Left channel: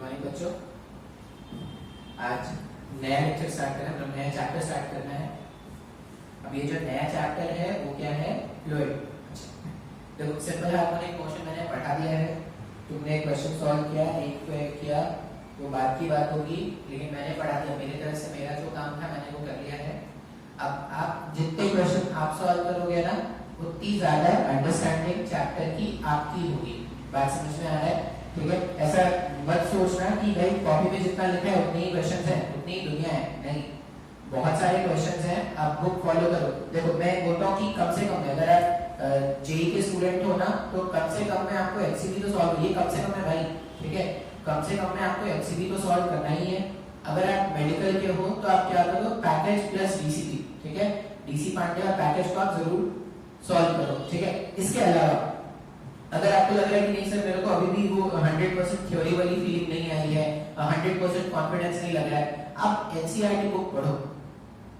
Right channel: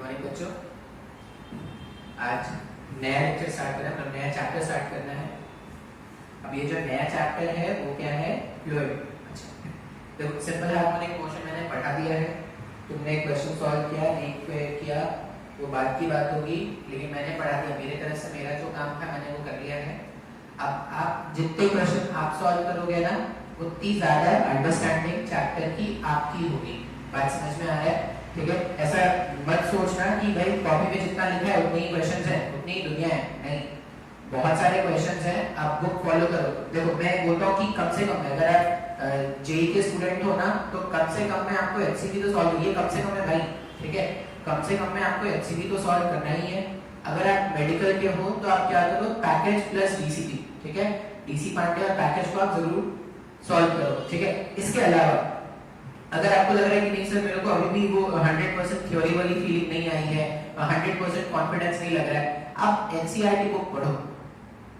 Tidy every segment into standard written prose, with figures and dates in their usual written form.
Morning बच्चों। आज नया लेक्चर स्टार्ट करना है, मतलब नया चैप्टर स्टार्ट करना है। अब ये जो नया चैप्टर है वो क्या है? फ्लूइड। अच्छा देखो, सिंपल हार्मोनिक मोशन मैंने पढ़ा दिया है, तुमने एक क्वेश्चन सॉल्व किया, नहीं किया वो बात की बात होगी, लेकिन मैंने पढ़ा दिया। मेरी तरफ से मेरा जो काम था मैंने वो कर लिया है। अब आप जितने क्वेश्चन आप सॉल्व करोगे ना, उतनी ज्यादा अंडरस्टैंडिंग चैप्टर की आपकी होगी। बात समझ में आ रहा है? ठीक है, ऐसा मत सोचना कि भाई कॉपी में जितना लिखा है उतने ही क्वेश्चंस हैं, उतनी ही दुनिया है। नहीं, बहुत सारे क्वेश्चंस हैं, आप बुक फॉलो करो। देखो मैं बोलता हूँ कि कम से कम अगर आप जेई के स्टूडेंट हो ना, तो कम से कम में आपको एमसीक्यू तो सॉल्व, ये कम से कम है भाई, ठीक है, कम से कम में आपको एमसीक्यू तो सॉल्व करना ही है। अगर आप मेडिकल के हो तो आप क्या करो, पैकेज प्लस डीसीपी, ठीक है, डीसी पांडे और पैकेज को आप जरूर सॉल्व करो, ठीक है। इसके अलावा अगर आपको लग रहा है कि नहीं सर मेरे को अभी भी वो 100% थ्योरी वाली फीलिंग नहीं आई है, 100% कॉन्फिडेंस नहीं लग रहा है, आप एनसीईआरटी बुक पढ़ो,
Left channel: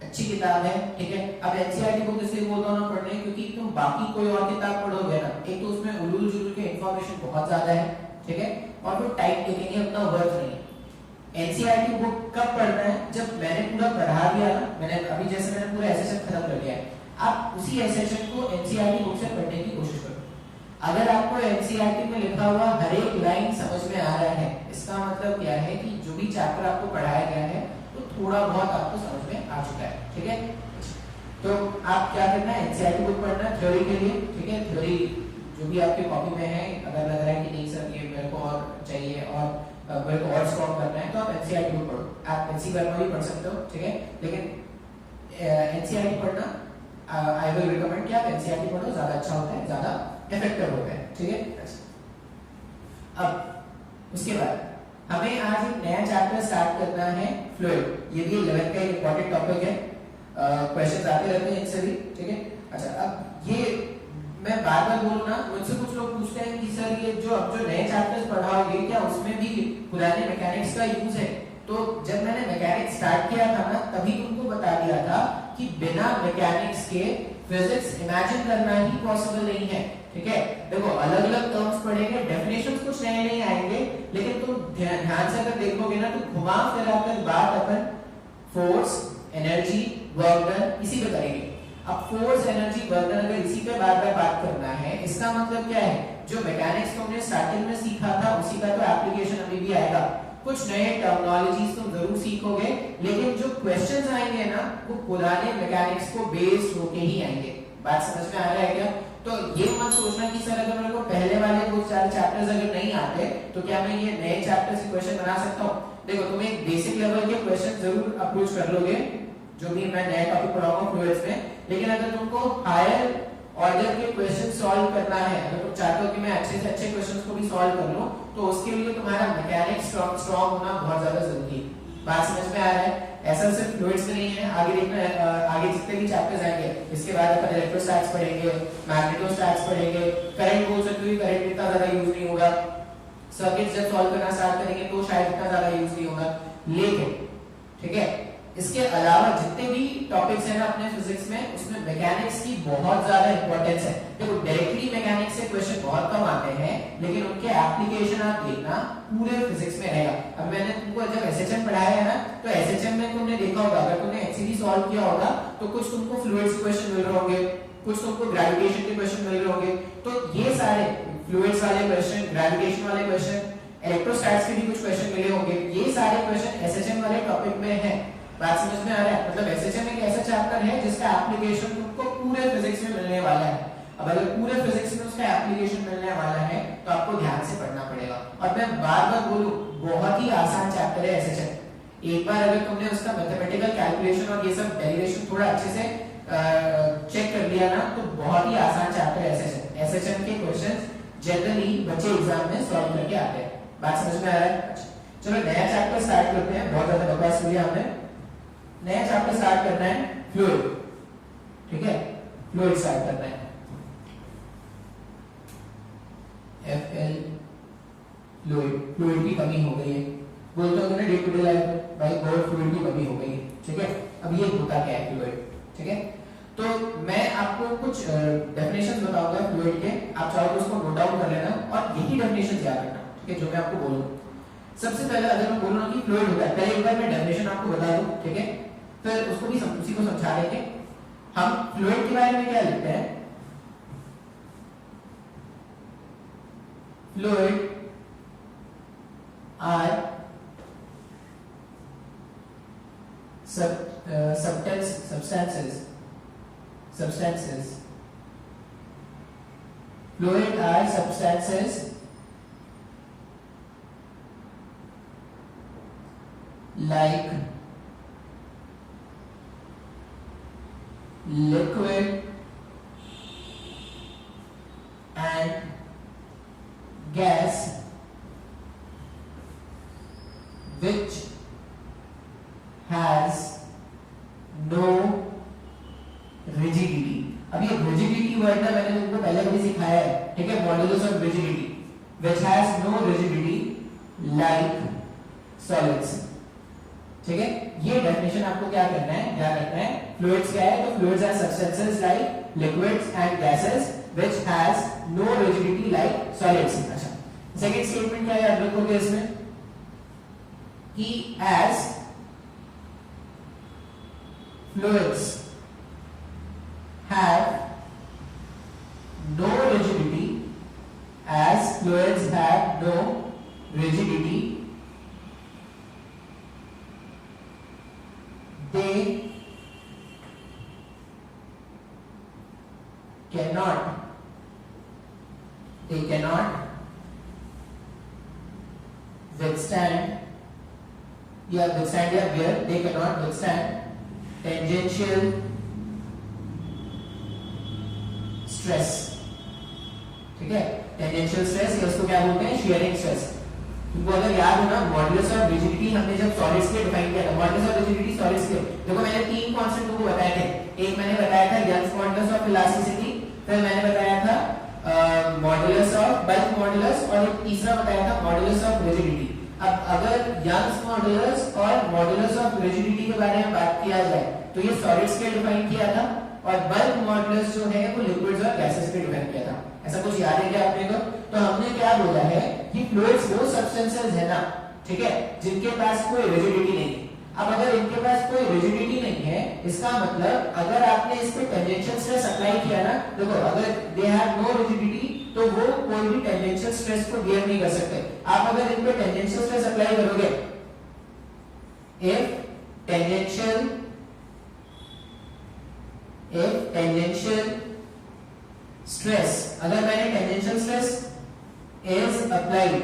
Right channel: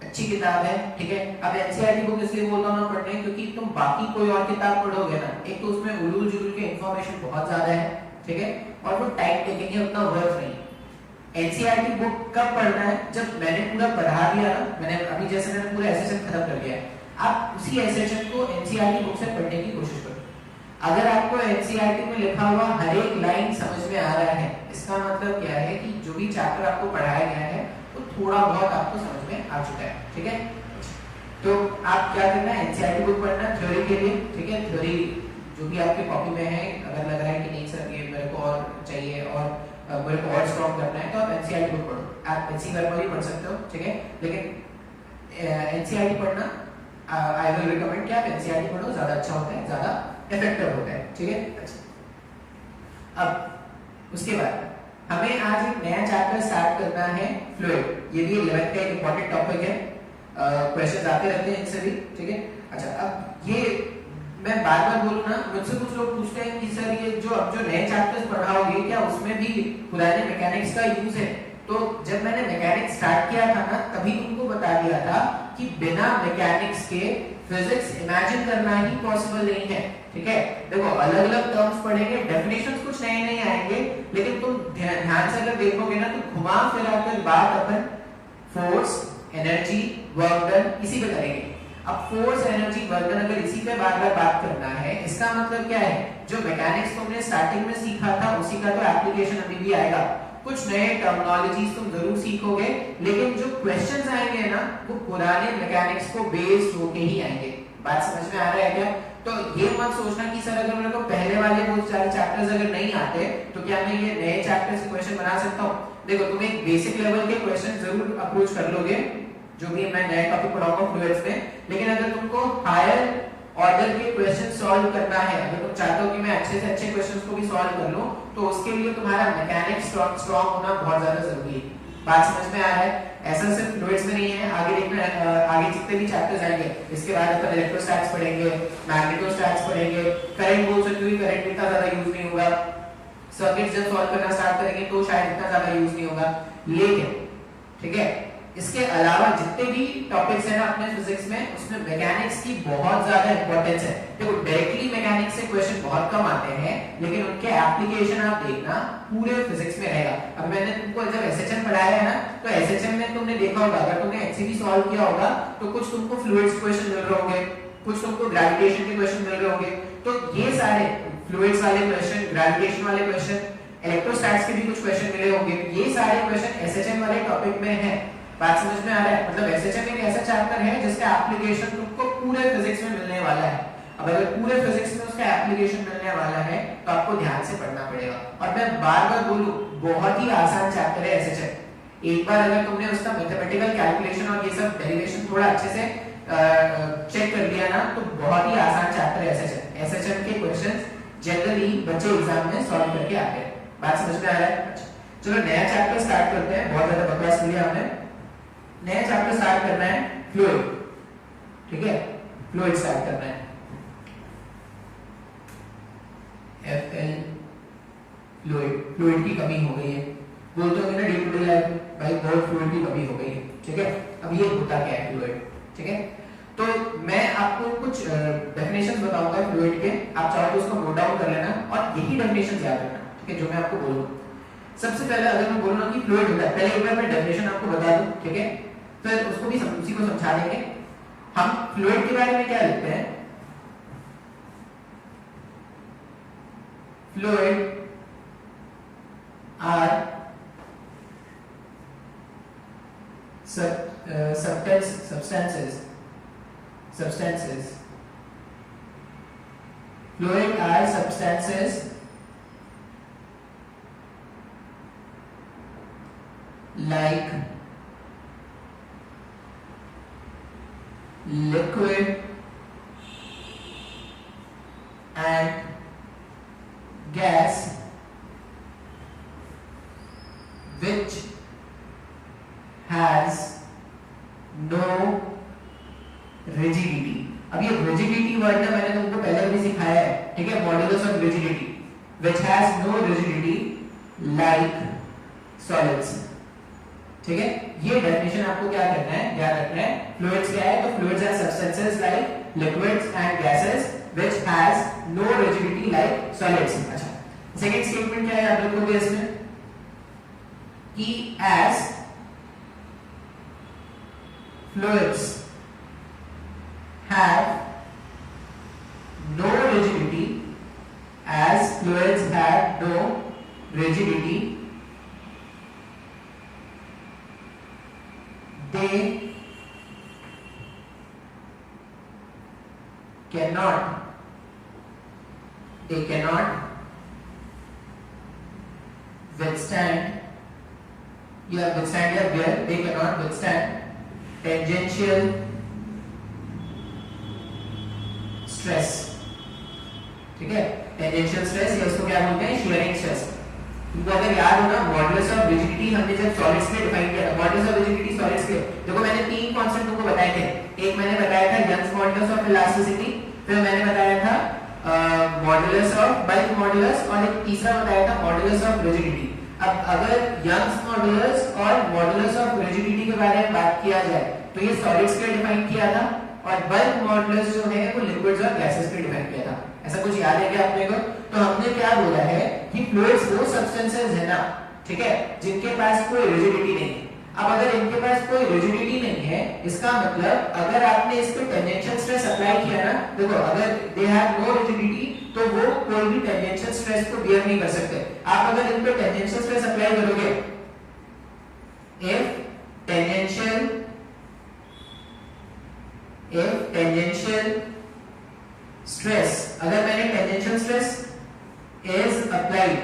अच्छी किताब है, ठीक है। अब एनसीईआरटी बुक इसलिए बोलता हूं ना पढ़ने, क्योंकि तुम बाकी कोई और किताब पढ़ोगे ना, एक तो उसमें उलूल जुलूल के इंफॉर्मेशन बहुत ज्यादा है, ठीक है, और वो टाइम टेकिंग है, उतना वर्थ नहीं। एनसीईआरटी बुक कब पढ़ना है? जब मैंने पूरा पढ़ा दिया ना, मैंने अभी जैसे मैंने पूरा एसेशन खत्म कर दिया है, आप उसी एसेशन को एनसीईआरटी बुक से पढ़ने की कोशिश करो। अगर आपको एनसीईआरटी में लिखा हुआ हर एक लाइन समझ में आ रहा है, इसका मतलब क्या है कि जो भी चैप्टर आपको पढ़ाया गया है वो थोड़ा बहुत आपको समझ में आ चुका है, ठीक है। तो आप क्या करना है, एनसीईआरटी बुक पढ़ना थ्योरी के लिए, ठीक है। थ्योरी जो भी आपके कॉपी में है, अगर लग रहा है कि नहीं सर ये मेरे को और चाहिए और मेरे को और स्ट्रॉन्ग करना है, तो आप एनसीईआरटी बुक पढ़ो। आप एनसी वर्मा भी पढ़ सकते हो, ठीक है, लेकिन एनसीईआरटी पढ़ना आई विल रिकमेंड कि आप एनसीईआरटी पढ़ो, ज्यादा अच्छा होता है, ज्यादा इफेक्टिव होता है, ठीक है। अब उसके बाद हमें आज एक नया चैप्टर स्टार्ट करना है, फ्लूइड। ये भी 11th का एक इंपॉर्टेंट टॉपिक है, क्वेश्चंस आते रहते हैं इनसे भी, ठीक है। अच्छा, अब ये मैं बार बार बोलूं ना, मुझसे कुछ लोग पूछते हैं कि सर ये जो अब जो नए चैप्टर्स पढ़ाओगे क्या उसमें भी पुराने मैकेनिक्स का यूज है? तो जब मैंने मैकेनिक्स स्टार्ट किया था ना, तभी तुमको बता दिया था कि बिना मैकेनिक्स के फिजिक्स इमेजिन करना ही पॉसिबल नहीं है, ठीक है। देखो अलग अलग टर्म्स पढ़ेंगे, डेफिनेशंस कुछ नए नए आएंगे, लेकिन तुम ध्यान से अगर देखोगे ना तो घुमा फिरा कर बात अपन फोर्स, एनर्जी, वर्क डन इसी पे करेंगे। अब फोर्स, एनर्जी, वर्क डन अगर इसी पे बार बार बात करना है, इसका मतलब क्या है, जो मैकेनिक्स तुमने स्टार्टिंग में सीखा था उसी का तो एप्लीकेशन अभी भी आएगा। कुछ नए टर्मिनोलॉजीज तुम जरूर सीखोगे, लेकिन जो क्वेश्चंस आएंगे ना वो पुराने मैकेनिक्स को बेस्ड होके ही आएंगे। बात समझ में आ रहा है क्या? तो ये मत सोचना कि सर अगर मेरे को पहले वाले वो सारे चैप्टर्स अगर नहीं आते तो क्या मैं ये नए चैप्टर्स के क्वेश्चन बना सकता हूँ? देखो तुम एक बेसिक लेवल के क्वेश्चन जरूर अप्रोच कर लोगे, जो भी मैं नया टॉपिक पढ़ाऊंगा फ्लूइड्स में, लेकिन अगर तुमको हायर ऑर्डर के क्वेश्चन सॉल्व करना है, अगर तुम चाहते हो कि मैं अच्छे से अच्छे क्वेश्चंस को भी सॉल्व कर लूं, तो उसके लिए तुम्हारा मैकेनिक्स स्ट्रांग होना बहुत ज्यादा जरूरी है। बात समझ में आ रहा है? ऐसा सिर्फ फ्लूइड्स में नहीं है, आगे देखना, आगे जितने भी चैप्टर्स आएंगे इसके बाद अपन इलेक्ट्रोस्टैटिक्स पढ़ेंगे, मैग्नेटोस्टैटिक्स पढ़ेंगे, करंट बोल सकते हो, करंट इतना ज्यादा यूज नहीं होगा, सर्किट्स जब सॉल्व करना स्टार्ट करेंगे तो शायद इतना ज्यादा यूज नहीं होगा, लेकिन ठीक है इसके अलावा जितने भी टॉपिक्स हैं ना अपने फिजिक्स में, उसमें मैकेनिक्स की बहुत ज्यादा इंपॉर्टेंस है। देखो डायरेक्टली मैकेनिक्स से क्वेश्चन बहुत कम आते हैं, लेकिन उनके एप्लीकेशन आप देखना पूरे फिजिक्स में रहेगा। अब मैंने तुमको जब एसएचएम पढ़ाया है ना, तो एसएचएम में तुमने देखा होगा, अगर तुमने एचसीवी सॉल्व किया होगा तो कुछ तुमको फ्लूइड्स क्वेश्चन मिल रहे होंगे, कुछ तुमको ग्रेविटेशन के क्वेश्चन मिल रहे होंगे। तो ये सारे फ्लूइड्स वाले क्वेश्चन, ग्रेविटेशन वाले क्वेश्चन, इलेक्ट्रोस्टैटिक्स के भी कुछ क्वेश्चन मिले होंगे, ये सारे क्वेश्चन एसएचएम वाले टॉपिक में है। बात समझ में आ रहा है? मतलब एसएचएम एक ऐसा चैप्टर है जिसका एप्लीकेशन तुमको पूरे फिजिक्स में मिलने वाला है। अब अगर पूरे फिजिक्स में उसका एप्लीकेशन मिलने वाला है तो आपको ध्यान से पढ़ना पड़ेगा। और मैं बार बार बोलूं, बहुत ही आसान चैप्टर है एसएचएम। एक बार अगर तुमने उसका मैथमेटिकल कैलकुलेशन और ये सब डेरिवेशन थोड़ा अच्छे से चेक कर लिया ना, तो बहुत ही आसान चैप्टर है एसएचएम। एसएचएम के क्वेश्चंस जनरली बच्चे एग्जाम में सॉल्व करके आते हैं। बात समझ में आ रहा है? चलो नया चैप्टर स्टार्ट करते हैं, बहुत ज्यादा बकवास किया हमने। नया चैप्टर स्टार्ट करना है फ्लूइड, ठीक है, फ्लूइड स्टार्ट करना है। एफएल फ्लूइड, फ्लूइड की कमी हो गई है, बोलते होंगे ना डे टू डे लाइफ में, भाई बहुत फ्लूइड की कमी हो गई है, ठीक है। अब ये होता क्या है फ्लूइड, ठीक है। तो मैं आपको कुछ डेफिनेशंस बताऊंगा फ्लूइड के, आप चाहो तो उसको नोट डाउन कर लेना और यही डेफिनेशंस याद रखना, ठीक है, जो मैं आपको बोलूंगा। सबसे पहले अगर मैं बोलूँ कि फ्लूइड होता है, पहले एक बार मैं डेफिनेशन आपको बता दूं, ठीक है, फिर उसको भी उसी को समझा देंगे। हम फ्लूइड के बारे में क्या लिखते हैं, fluid are substances. Fluid are substances like liquid and gas which has no rigidity। अब ये rigidity वर्ड ना मैंने तुमको पहले भी सिखाया है, ठीक है, modulus of rigidity which has no rigidity like solids, ठीक है। ये डेफिनेशन आपको क्या करना है, याद रखना है। फ्लूइड्स क्या है, तो fluids are substances like liquids and gases which has no rigidity like solids। अच्छा, सेकंड स्टेटमेंट क्या है, याद रखोगे इसमें कि as fluids have no rigidity, as fluids have no rigidity, they cannot withstand they cannot withstand tangential stress, ठीक है। Tangential stress या उसको क्या बोलते हैं, शियरिंग स्ट्रेस। तुमको अगर याद होगा मॉड्यूलस ऑफ रिजिडिटी हमने जब सॉलिड्स के डिफाइन किया था, मॉड्यूलस ऑफ रिजिडिटी सॉलिड्स के, देखो मैंने तीन कांसेप्ट तुमको बताए थे। एक मैंने बताया था यंग्स मॉड्यूलस ऑफ इलास्टिसिटी, फिर मैंने बताया था मॉड्यूलस ऑफ बल्क मॉड्यूलस, और एक तीसरा बताया था मॉड्यूलस ऑफ रिजिडिटी। अब अगर यंग्स मॉड्यूलस और मॉड्यूलस ऑफ रिजिडिटी के बारे में बात किया जाए तो ये सॉलिड्स के डिफाइन किया था, और बल्क मॉड्यूलस जो है वो लिक्विड्स और गैसेस पे डिपेंड किया था। ऐसा कुछ याद है क्या अपने को? तो हमने क्या बोला है कि फ्लूइड्स वो सब्सटेंसेस है ना, ठीक है, जिनके पास कोई रिजिडिटी नहीं है। अब अगर इनके पास कोई रिजिडिटी नहीं है, इसका मतलब अगर आपने इस पे टेंजेंशियल स्ट्रेस अप्लाई किया ना, देखो अगर दे हैव नो रिजिडिटी तो वो कोई भी टेंजेंशियल स्ट्रेस को बियर नहीं कर सकते। आप अगर इन पे टेंजेंशियल स्ट्रेस अप्लाई करोगे, if tangential stress, अगर मैंने tangential stress is applied,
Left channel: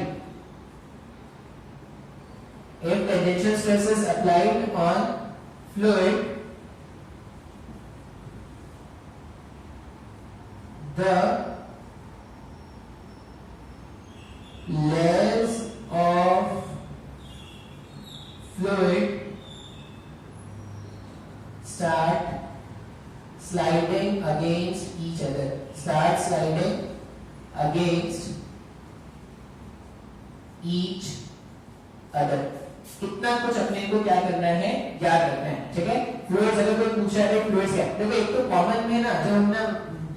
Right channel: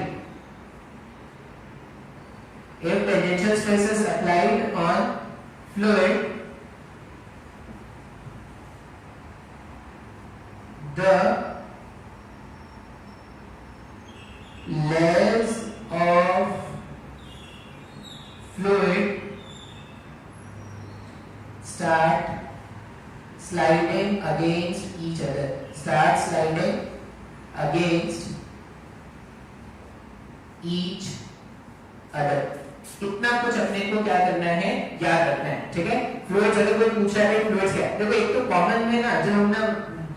if tangential stress is applied on fluid, the layers of fluid start sliding against each other, start sliding against each other। इतना कुछ अपने को क्या करना है, याद रखना है, ठीक है। फ्लूइड्स अगर कोई पूछा है फ्लूइड्स क्या है, देखो एक तो कॉमन में ना जब हम ना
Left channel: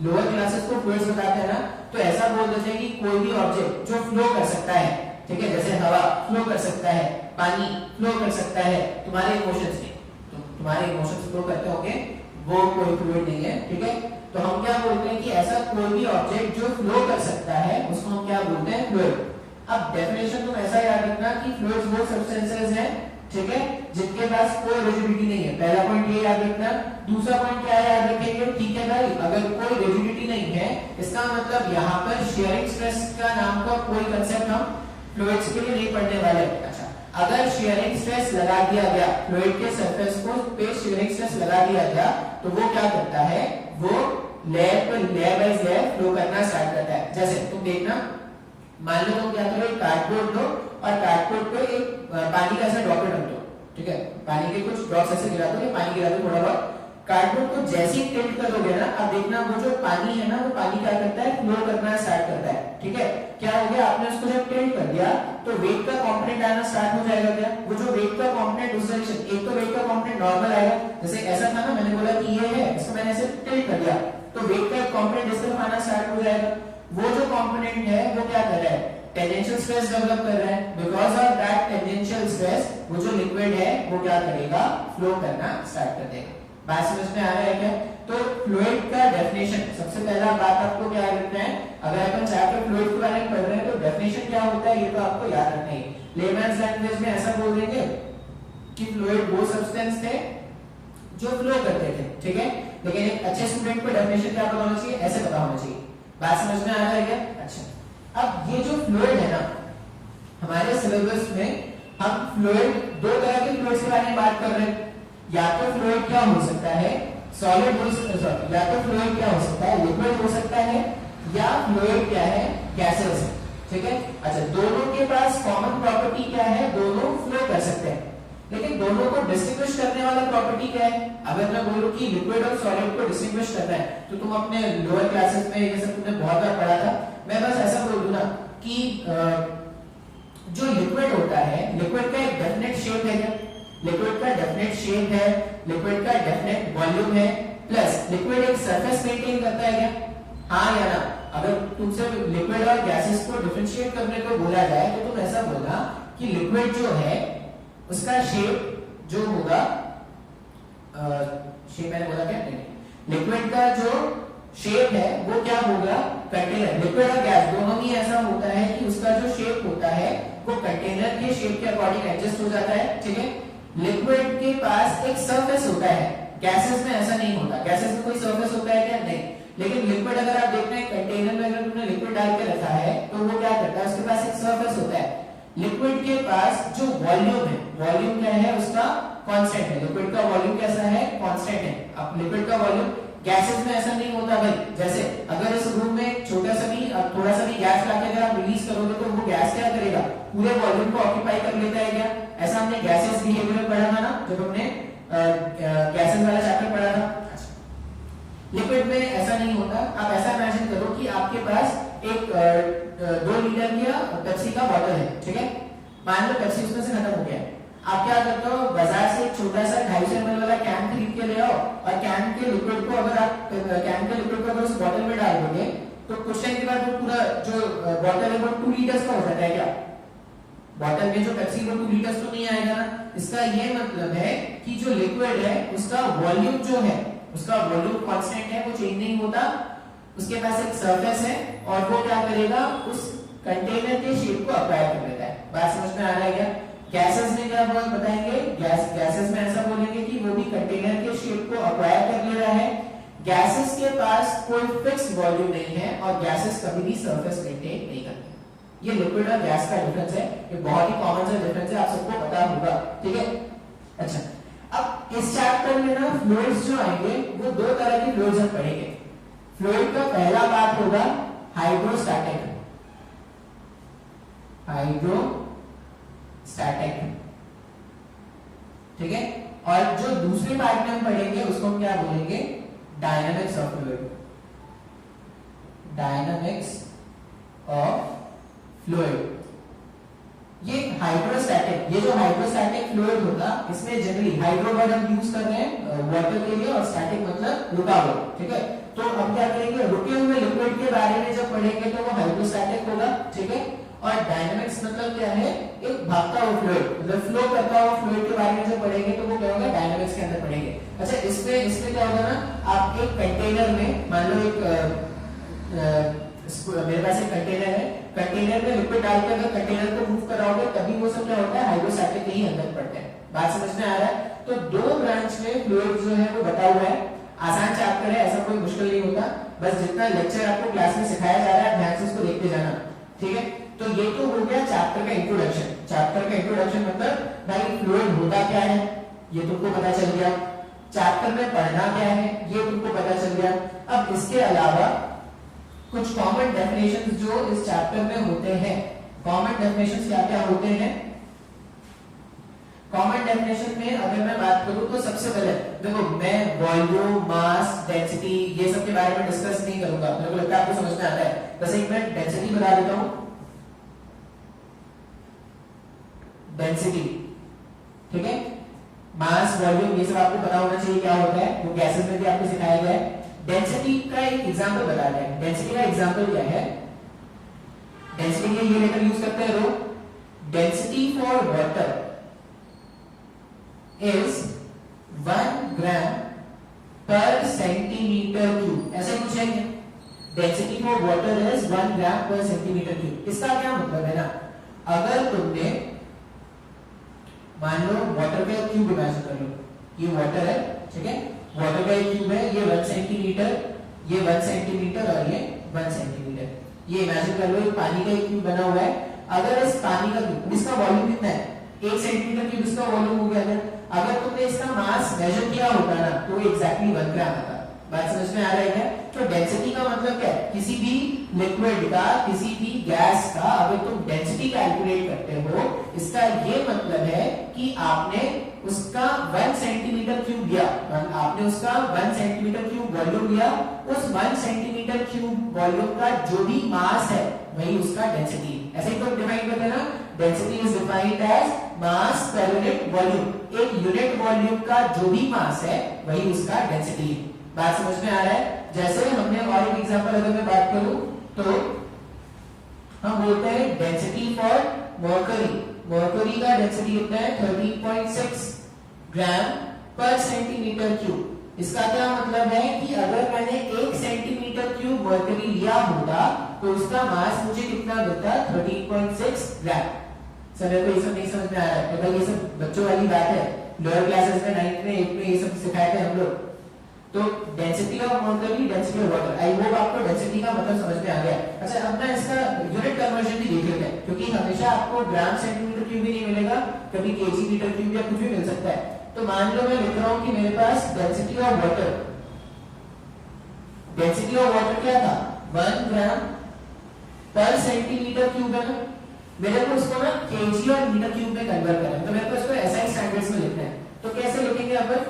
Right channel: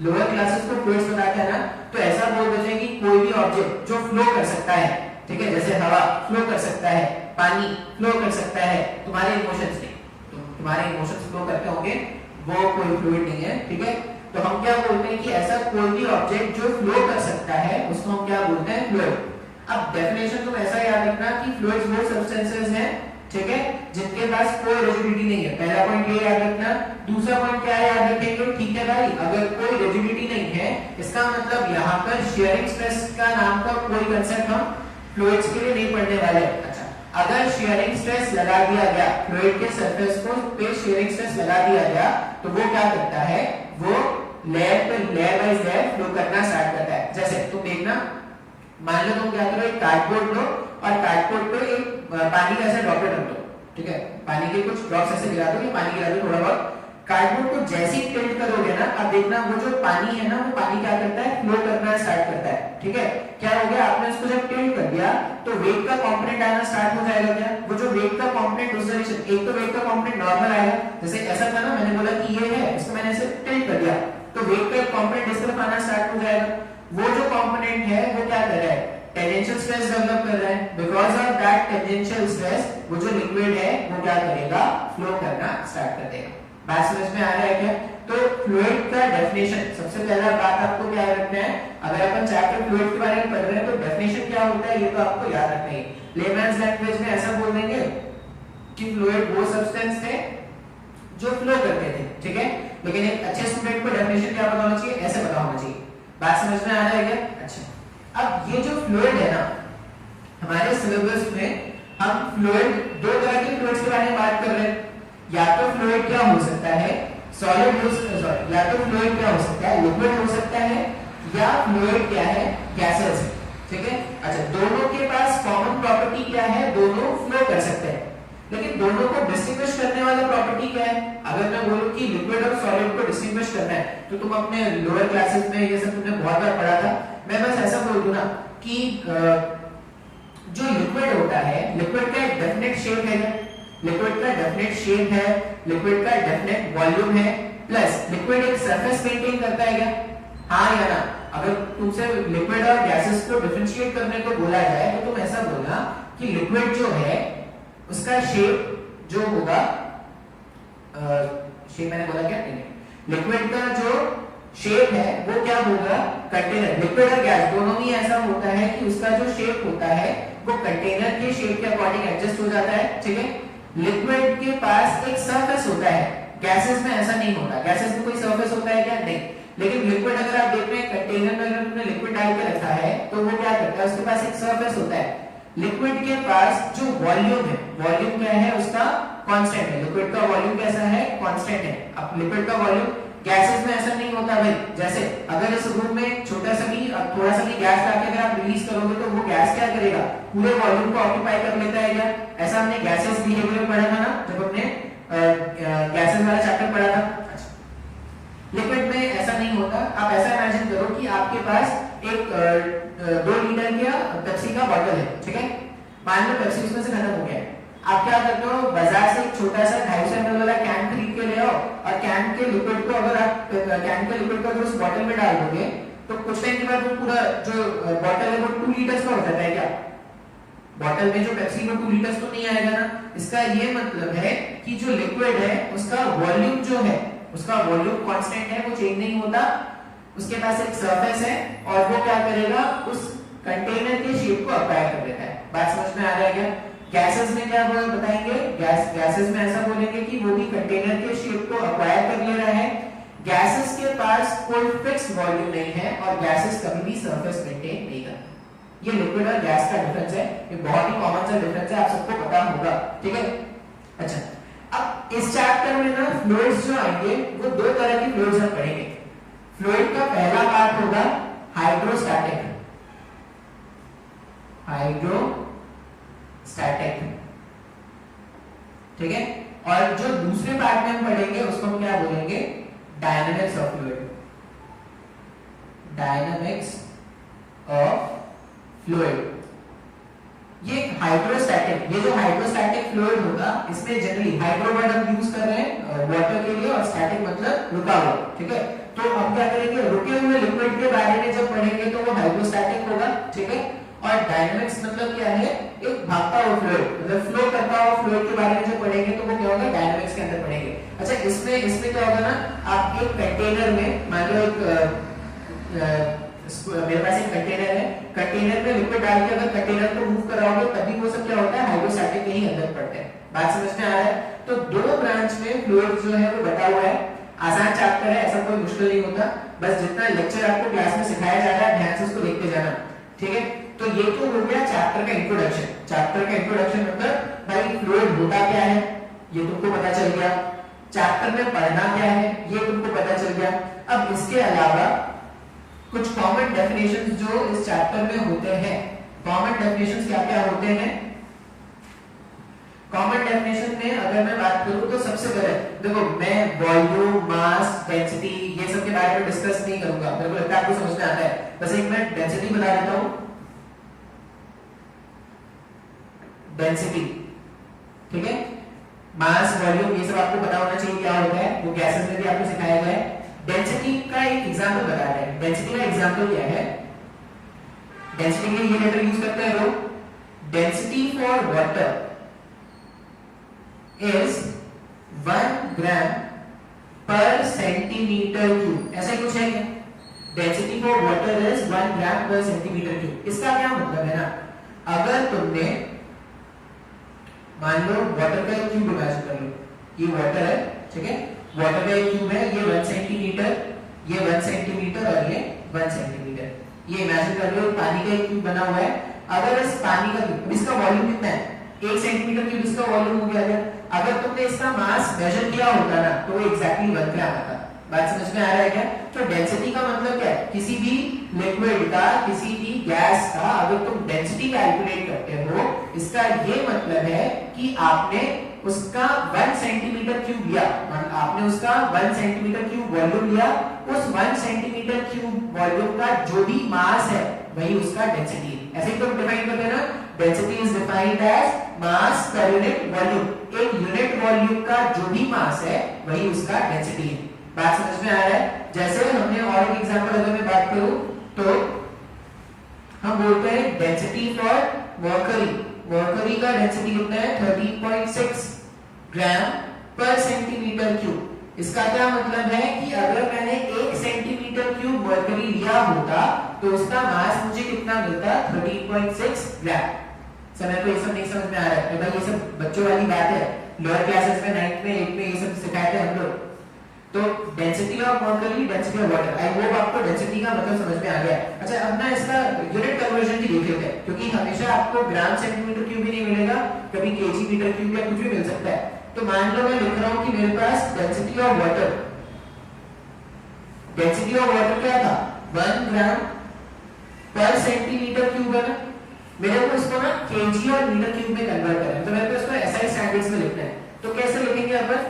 लोअर क्लासेस को फ्लूइड्स बताते हैं ना, तो ऐसा बोल देते हैं कि कोई भी ऑब्जेक्ट जो फ्लो कर सकता है, ठीक है, जैसे हवा फ्लो कर सकता है, पानी फ्लो कर सकता है, तुम्हारे इमोशंस नहीं, तो तुम्हारे इमोशंस फ्लो करते होंगे, वो कोई फ्लूइड नहीं है, ठीक है। तो हम क्या बोलते हैं कि ऐसा कोई भी ऑब्जेक्ट जो फ्लो कर सकता है उसको हम क्या बोलते हैं, फ्लूइड। अब डेफिनेशन तुम ऐसा याद रखना कि फ्लूइड्स वो सब्सटेंसेस हैं, ठीक है, जिनके पास कोई रिजिडिटी नहीं है। पहला पॉइंट ये याद रखना। दूसरा पॉइंट क्या है, याद रखेंगे, ठीक है भाई, अगर कोई रिजिडिटी नहीं है इसका मतलब यहाँ पर शियरिंग स्ट्रेस का नाम का कोई कंसेप्ट हम फ्लूइड्स के लिए नहीं पढ़ने वाले। अच्छा, अगर शियरिंग स्ट्रेस लगा दिया गया, फ्लूइड के सरफेस को पे शियरिंग स्ट्रेस लगा दिया गया, तो वो क्या करता है, वो लेयर पे लेयर बाय लेयर फ्लो करना स्टार्ट करता है। जैसे तुम देखना, मान लो तुम क्या करो, एक कार्डबोर्ड लो और कार्डबोर्ड पे एक पानी का ऐसा ड्रॉपलेट रख दो, ठीक है, पानी के कुछ ड्रॉप्स ऐसे गिरा दो, पानी गिरा दो थोड़ा बहुत। कार्डबोर्ड को जैसे ही टिल्ट करोगे ना, अब देखना वो जो पानी है ना, वो पानी क्या करता है, फ्लो करना स्टार्ट करता है, ठीक है। क्या हो गया, आपने उसको जब टिल्ट कर दिया तो वेट का कंपोनेंट आना स्टार्ट हो जाएगा। क्या वो जो वेट का कंपोनेंट उस डायरेक्शन, एक तो वेट का कंपोनेंट नॉर्मल आएगा, जैसे ऐसा था ना, मैंने बोला कि ये है, इसको मैंने ऐसे टिल्ट कर दिया तो वेट का एक कंपोनेंट इस तरफ आना स्टार्ट हो जाएगा। वो जो कंपोनेंट है वो क्या कर रहा है, टेंजेंशियल स्ट्रेस डेवलप कर रहा है, because of that tangential stress वो जो लिक्विड है वो क्या करेगा, फ्लो करना स्टार्ट कर देगा। बात समझ में आ रहा है क्या? तो फ्लूइड का डेफिनेशन, सबसे पहला बात आपको क्या याद रखना है, अगर अपन चैप्टर फ्लूइड के बारे में पढ़ रहे हैं तो डेफिनेशन क्या होता है ये तो आपको याद रखना है। लेमैन्स लैंग्वेज में ऐसा बोल देंगे कि फ्लूइड वो सब्सटेंस है जो फ्लो करते थे, ठीक है, लेकिन एक अच्छे स्टूडेंट को डेफिनेशन क्या पता होना चाहिए, ऐसे पता होना चाहिए। बात समझ में आ रहा है क्या? अच्छा, अब ये जो फ्लूइड है ना, हमारे सिलेबस में हम फ्लूइड, दो तरह के फ्लूइड्स के बारे में बात कर रहे हैं। या तो फ्लूइड क्या हो सकता है, सॉलिड हो, सॉरी, या तो फ्लूइड क्या हो सकता है, लिक्विड हो सकता है, या फ्लूइड क्या है, गैसेस है, ठीक है। अच्छा, दोनों के पास कॉमन प्रॉपर्टी क्या है, दोनों फ्लो कर सकते हैं, लेकिन दोनों को डिस्टिंग्विश करने वाला प्रॉपर्टी क्या है? अगर मैं बोलूं कि लिक्विड और सॉलिड को डिस्टिंग्विश करना है, तो तुम अपने लोअर क्लासेस में ये सब तुमने बहुत बार पढ़ा था। मैं बस ऐसा बोल दूं ना कि जो लिक्विड होता है, लिक्विड का एक डेफिनेट शेप है, लिक्विड का डेफिनेट शेप है, लिक्विड का डेफिनेट वॉल्यूम है, प्लस लिक्विड एक सरफेस मेंटेन करता है क्या? हाँ या ना? अगर तुमसे लिक्विड और गैसेस को डिफरेंशिएट करने को बोला जाए तो तुम ऐसा बोलना कि लिक्विड जो है उसका शेप जो होगा, शेप मैंने बोला क्या, लिक्विड का जो शेप है वो क्या होगा, कंटेनर, लिक्विड और गैस दोनों में ऐसा होता है कि उसका जो शेप होता है वो कंटेनर के शेप के अकॉर्डिंग एडजस्ट हो जाता है, ठीक है। लिक्विड के पास एक सरफेस होता है, गैसेस में ऐसा नहीं होता। गैसेस में कोई सरफेस होता है क्या? नहीं। लेकिन लिक्विड अगर आप देख रहे हैं, कंटेनर में अगर तुमने लिक्विड डाल के रखा है तो वो क्या करता है, उसके पास एक सरफेस होता है। लिक्विड के पास जो वॉल्यूम है, वॉल्यूम क्या है उसका, कांस्टेंट है। लिक्विड का वॉल्यूम कैसा है, कांस्टेंट है। अब लिक्विड का वॉल्यूम, गैसेस में ऐसा नहीं होता भाई। जैसे अगर इस रूम में छोटा सा भी, थोड़ा सा भी गैस लाके अगर आप रिलीज करोगे तो वो गैस क्या करेगा, पूरे वॉल्यूम को ऑक्यूपाई कर लेता है क्या? ऐसा हमने गैसेस बिहेवियर पढ़ा था ना, जब हमने गैसेस वाला चैप्टर पढ़ा था। लिक्विड में ऐसा नहीं होता। आप ऐसा इमेजिन करो कि आपके पास एक 2 लीटर का पेप्सी का बॉटल है, ठीक है। मान लो पेप्सी उसमें से खत्म हो गया है। आप क्या करते हो, बाजार से एक छोटा सा 250 ml वाला कैन खरीद के ले आओ, और कैन के लिक्विड को अगर आप कैन के लिक्विड को अगर उस बॉटल में डाल दोगे तो कुछ टाइम के बाद वो पूरा जो बॉटल है वो 2 लीटर्स का हो जाता है क्या? बॉटल में जो पेप्सी वो 2 लीटर्स तो नहीं आएगा ना। इसका ये मतलब है कि जो लिक्विड है उसका वॉल्यूम जो है, उसका वॉल्यूम कांस्टेंट है, वो चेंज नहीं होता। उसके पास एक सरफेस है और वो क्या करेगा, उस कंटेनर के शेप को अप्लाई कर देता है। बात समझ में आ रहा है क्या? गैसेस में क्या बताएंगे, गैसेस में ऐसा बोलेंगे कि वो भी कंटेनर के शेप को अक्वायर कर ले रहा है। गैसेस के पास कोई फिक्स्ड वॉल्यूम नहीं है और गैसेस कभी भी सरफेस मेंटेन नहीं करते। ये लिक्विड और गैस का डिफरेंस है, ये बहुत ही कॉमन सा डिफरेंस है, आप सबको पता होगा, ठीक है। अच्छा, अब इस चैप्टर में ना फ्लूइड्स जो आएंगे वो 2 तरह की फ्लूइड्स हम पढ़ेंगे। फ्लूइड का पहला पार्ट होगा हाइड्रोस्टैटिक, ठीक है। और जो दूसरे पार्ट में हम पढ़ेंगे उसको हम क्या बोलेंगे, dynamics of fluid, dynamics of fluid. ये हाइड्रोस्टैटिक, ये जो हाइड्रोस्टैटिक फ्लूइड होगा इसमें जनरली हाइड्रो वर्ड हम यूज कर रहे हैं वाटर के लिए, और स्टैटिक मतलब रुका हुआ, ठीक है। तो हम क्या करेंगे, रुके हुए लिक्विड के बारे में जब पढ़ेंगे तो वो हाइड्रोस्टैटिक होगा, ठीक है। और डायनामिक्स मतलब क्या है, एक भागता हुआ फ्लूइड, मतलब फ्लो करता हुआ फ्लूइड के बारे में जब पढ़ेंगे तो वो क्या होगा, डायनामिक्स के अंदर पढ़ेंगे। अच्छा, इसमें क्या होगा ना, आप एक कंटेनर में, मान लो एक मेरे पास एक कंटेनर है, कंटेनर में लिक्विड डाल के अगर कंटेनर को मूव कराओगे तभी वो सब क्या होता है, हाइड्रोस्टैटिक के ही अंदर पड़ते हैं। बात समझ में आ रहा है? तो 2 ब्रांच में फ्लूइड जो है वो बता हुआ है। आसान चैप्टर है, ऐसा कोई मुश्किल नहीं होता, बस जितना लेक्चर आपको क्लास में सिखाया जा रहा है ध्यान से उसको देखते जाना, ठीक है। तो ये तो हो गया चैप्टर का इंट्रोडक्शन। चैप्टर का इंट्रोडक्शन मतलब भाई फ्लूइड होता क्या है ये तुमको पता चल गया, चैप्टर में पढ़ना क्या है ये तुमको पता चल गया। अब इसके अलावा कुछ कॉमन डेफिनेशंस जो इस चैप्टर में होते हैं, कॉमन डेफिनेशंस क्या क्या होते हैं। कॉमन डेफिनेशन में अगर मैं बात करूं तो सबसे पहले देखो, मैं वॉल्यूम, मास, डेंसिटी ये सब के बारे में डिस्कस नहीं करूंगा, मेरे को लगता है आपको समझ में आता है। बस एक मैं डेंसिटी बता देता हूं, डेंसिटी, ठीक है। मास, वॉल्यूम ये सब आपको पता होना चाहिए क्या होता है, वो गैसेस में भी आपको सिखाया गया है। डेंसिटी का एक एग्जांपल बताते हैं। डेंसिटी का एग्जांपल क्या है, डेंसिटी के लिए ये लेटर यूज करते हैं रो। डेंसिटी फॉर वाटर इज 1 ग्राम पर सेंटीमीटर क्यूब, ऐसा कुछ है क्या? डेंसिटी फॉर वाटर इज 1 ग्राम पर सेंटीमीटर क्यूब। इसका क्या मतलब है ना, अगर तुमने मान लो वाटर का एक क्यूब इमेजिन कर लो, ये वाटर है, ठीक है, वाटर का एक क्यूब है, ये 1 सेंटीमीटर, ये 1 सेंटीमीटर और ये 1 सेंटीमीटर, ये इमेजिन कर लो पानी का एक क्यूब बना हुआ है। अगर इस पानी का क्यूब, इसका वॉल्यूम कितना है, 1 सेंटीमीटर क्यूब इसका वॉल्यूम हो गया। अगर तुमने इसका मास मेजर किया होता ना तो एग्जैक्टली 1 ग्राम आता। बात समझ में आ रहा है क्या? तो डेंसिटी का मतलब क्या है, किसी भी लिक्विड का, किसी भी गैस का अगर तुम डेंसिटी कैलकुलेट करते हो, इसका ये मतलब है कि आपने उसका 1 सेंटीमीटर क्यूब लिया, आपने उसका 1 सेंटीमीटर क्यूब वॉल्यूम लिया, उस 1 सेंटीमीटर क्यूब वॉल्यूम का जो भी मास है वही उसका डेंसिटी है। ऐसे ही तुम डिफाइन करते हैं ना, density is defined as mass per unit volume. एक यूनिट वॉल्यूम का जो भी मास है वही उसका डेंसिटी है। बात समझ में आ रहा है? जैसे हमने और एक एग्जांपल अगर मैं बात करूं तो हम बोलते हैं डेंसिटी फॉर मर्करी। मर्करी का डेंसिटी कितना है, 13.6 ग्राम पर सेंटीमीटर क्यूब। इसका क्या मतलब है कि अगर मैंने 1 सेंटीमीटर क्यूब मर्करी लिया होता तो उसका मास मुझे कितना मिलता, 13.6 ग्राम। सर तो ये सब नहीं समझ में आ रहा है, ये सब बच्चों वाली बात है, लोअर क्लासेस में 9th में 8th में ये सब सिखाए थे हम लोग। तो density of mercury, density of water, I hope आपको डेंसिटी का मतलब समझ में आ गया। अच्छा, अब ना इसका यूनिट कन्वर्जन भी देख लेते हैं, क्योंकि हमेशा आपको ग्राम सेंटीमीटर क्यूब भी नहीं मिलेगा, कभी केजी मीटर क्यूब या कुछ भी मिल सकता है। तो मान लो मैं लिख रहा हूं कि मेरे पास density of water, density of water क्या था, 1 ग्राम पर सेंटीमीटर क्यूब है ना। मेरे को इसको ना केजी और मीटर क्यूब में कन्वर्ट करना है, तो मेरे को इसको एसआई स्टैंडर्ड्स में लिखना है। तो कैसे लिखेंगे अपन,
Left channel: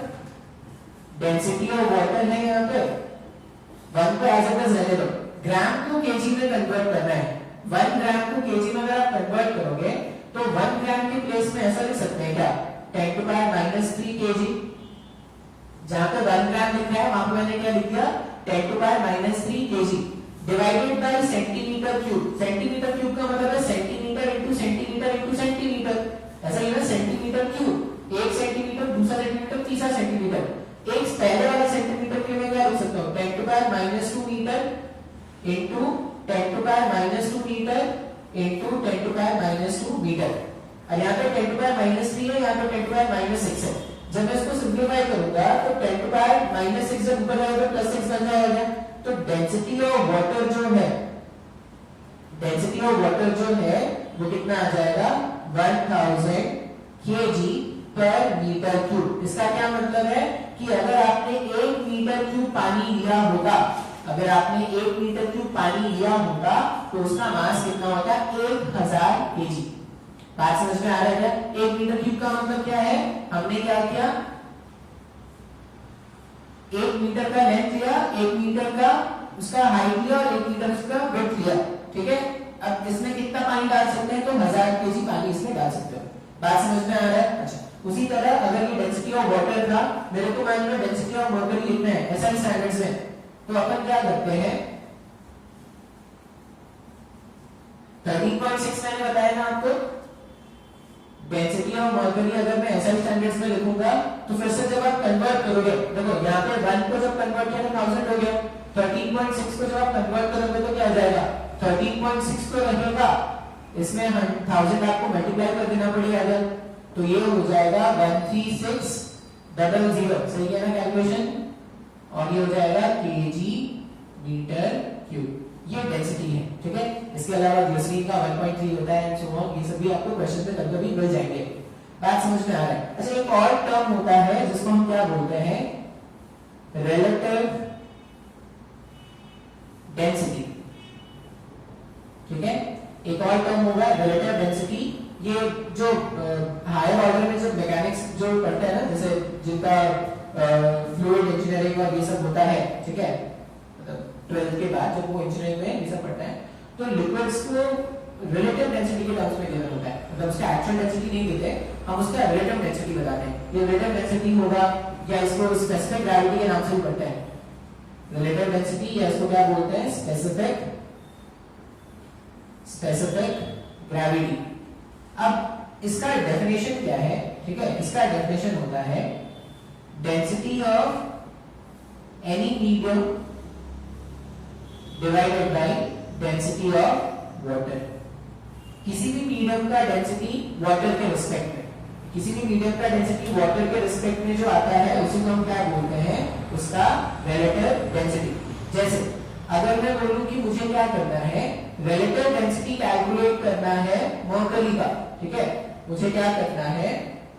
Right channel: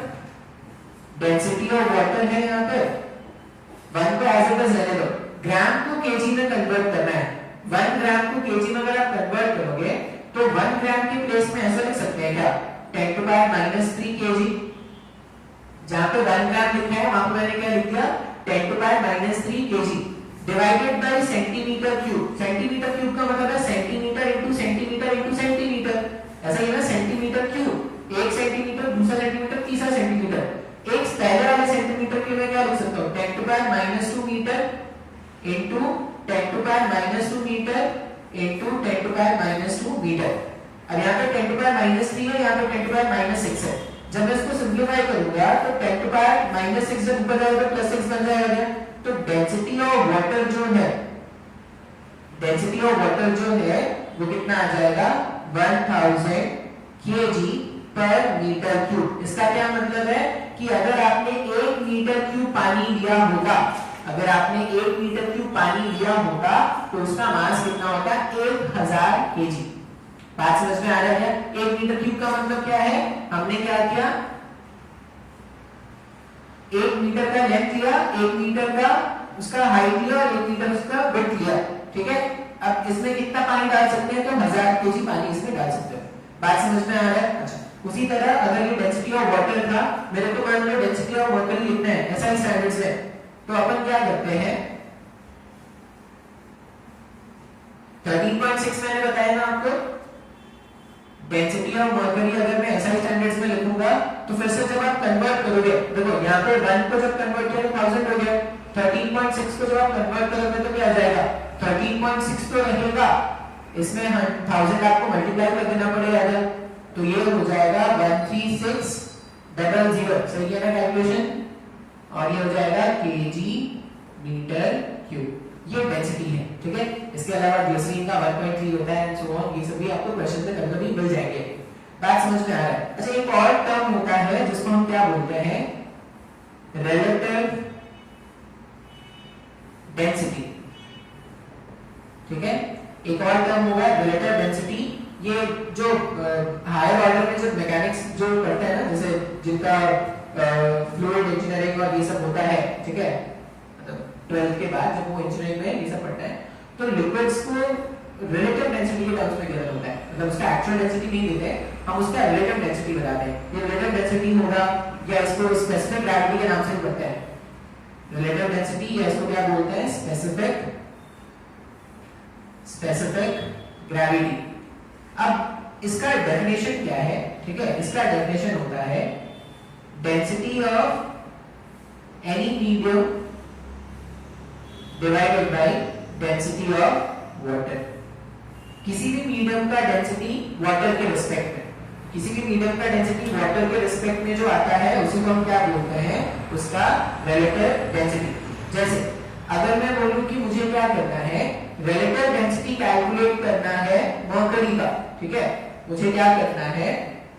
डेंसिटी ऑफ वाटर है यहाँ पे 1 को एज इट इज रहने दो, ग्राम को केजी में कन्वर्ट करना है। 1 ग्राम को केजी में अगर आप कन्वर्ट करोगे तो 1 ग्राम के प्लेस में ऐसा लिख सकते हैं क्या, 10 टू पावर -3 केजी। जहां पे 1 ग्राम लिखा है वहां पे मैंने क्या लिख दिया, 10 to power -3 kg divided by centimetre cube. Centimetre cube का मतलब है centimetre into centimetre into centimetre, ऐसा ही ना, सेंटीमीटर क्यूब 1 सेंटीमीटर, दूसरा सेंटीमीटर, तीसरा सेंटीमीटर। एक पहले वाले सेंटीमीटर के में क्या लिख सकता हूं, 10 to power -2 metre into 10 to power -2 metre into 10 to power -2 metre. और यहाँ पे 10 टू पावर -3 है, यहाँ पे 10 टू पावर -6 है। जब मैं इसको सिंप्लीफाई करूंगा तो 10 टू पावर -6 जब ऊपर जाएगा तो +6 बन जाएगा। तो डेंसिटी ऑफ वाटर जो है, डेंसिटी ऑफ वाटर जो है वो कितना आ जाएगा, 1000 केजी पर मीटर क्यूब। इसका क्या मतलब है कि अगर आपने 1 मीटर क्यूब पानी लिया होगा, अगर आपने 1 मीटर क्यूब पानी लिया होगा तो उसका मास कितना होगा, 1000 केजी। बात समझ में आ रहा है? 1 मीटर क्यूब का मतलब क्या है, हमने क्या किया, 1 मीटर का लेंथ लिया, 1 मीटर का उसका हाइट लिया और 1 मीटर उसका विड्थ लिया, ठीक है। अब इसमें कितना पानी डाल सकते हैं, तो 1000 केजी पानी इसमें डाल सकते हो। बात समझ में आ रहा है? अच्छा, उसी तरह अगर ये डेंसिटी ऑफ वाटर था, मेरे को मान लो डेंसिटी ऑफ वाटर लिखना है एसआई स्टैंडर्ड्स में, तो अपन क्या करते हैं, 13.6 मैंने बताया ना आपको, डेंसिटी ऑफ मर्करी अगर मैं एसआई स्टैंडर्ड्स में लिखूंगा तो फिर से जब आप कन्वर्ट करोगे, देखो यहाँ पे 1 को जब कन्वर्ट किया तो 1000 हो गया, 13.6 को जब आप कन्वर्ट करोगे तो क्या आ जाएगा, 13.6 तो रहेगा, इसमें 1000 आपको मल्टीप्लाई कर देना पड़ेगा, तो ये हो जाएगा 13600, सही है ना कैलकुलेशन, और ये हो जाएगा केजी मीटर क्यूब। ये डेंसिटी है, ठीक है। इसके अलावा ग्लिसरीन का 1.3 होता है एंड सो ऑन, ये सब भी आपको क्वेश्चन में कभी मिल जाएंगे। बात समझ में आ रहा है? अच्छा, एक और टर्म होता है जिसको हम क्या बोलते हैं, रिलेटिव डेंसिटी, ठीक है। एक और टर्म होगा रिलेटिव डेंसिटी। ये जो हायर ऑर्डर में जो मैकेनिक्स जो पढ़ते हैं ना, जैसे जिनका फ्लूइड इंजीनियरिंग और ये सब होता है, ठीक है, 12th के बाद जब वो इंजीनियरिंग में ये सब पढ़ता है तो लिक्विड्स को रिलेटिव डेंसिटी के टर्म्स में गिना होता है, मतलब उसका एक्चुअल डेंसिटी नहीं देते, हम उसका रिलेटिव डेंसिटी बताते हैं। ये रिलेटिव डेंसिटी होगा या इसको स्पेसिफिक ग्रेविटी के नाम से भी पढ़ते हैं, रिलेटिव डेंसिटी, या इसको क्या बोलते हैं, स्पेसिफिक स्पेसिफिक ग्रेविटी। अब इसका डेफिनेशन क्या है, ठीक है, इसका डेफिनेशन होता है density of any medium divided by density of water. किसी भी मीडियम का डेंसिटी वाटर के रिस्पेक्ट में, किसी भी मीडियम का डेंसिटी वाटर के रिस्पेक्ट में जो आता है उसी को हम क्या बोलते हैं, उसका रिलेटिव डेंसिटी। जैसे अगर मैं बोलूं कि मुझे क्या करना है, रिलेटिव डेंसिटी कैलकुलेट करना है मर्करी का, ठीक है, मुझे क्या करना है,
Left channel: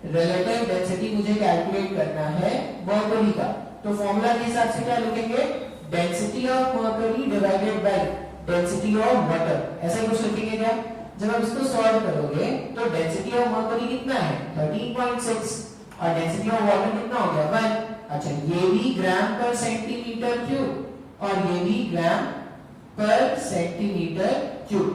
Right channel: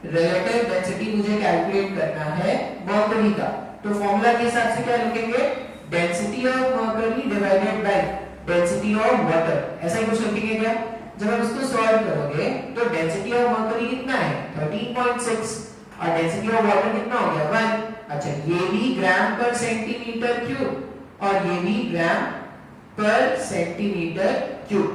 रिलेटिव डेंसिटी मुझे कैलकुलेट करना है मर्करी का, तो फॉर्मूला के हिसाब से क्या लिखेंगे, density of mercury divided by density of water, ऐसा ही कुछ लिखेंगे क्या। जब आप इसको सॉल्व करोगे तो डेंसिटी ऑफ मर्करी कितना है 13.6 और डेंसिटी ऑफ वाटर कितना हो गया 1। अच्छा, ये भी ग्राम पर सेंटीमीटर क्यूब और ये भी ग्राम पर सेंटीमीटर क्यूब।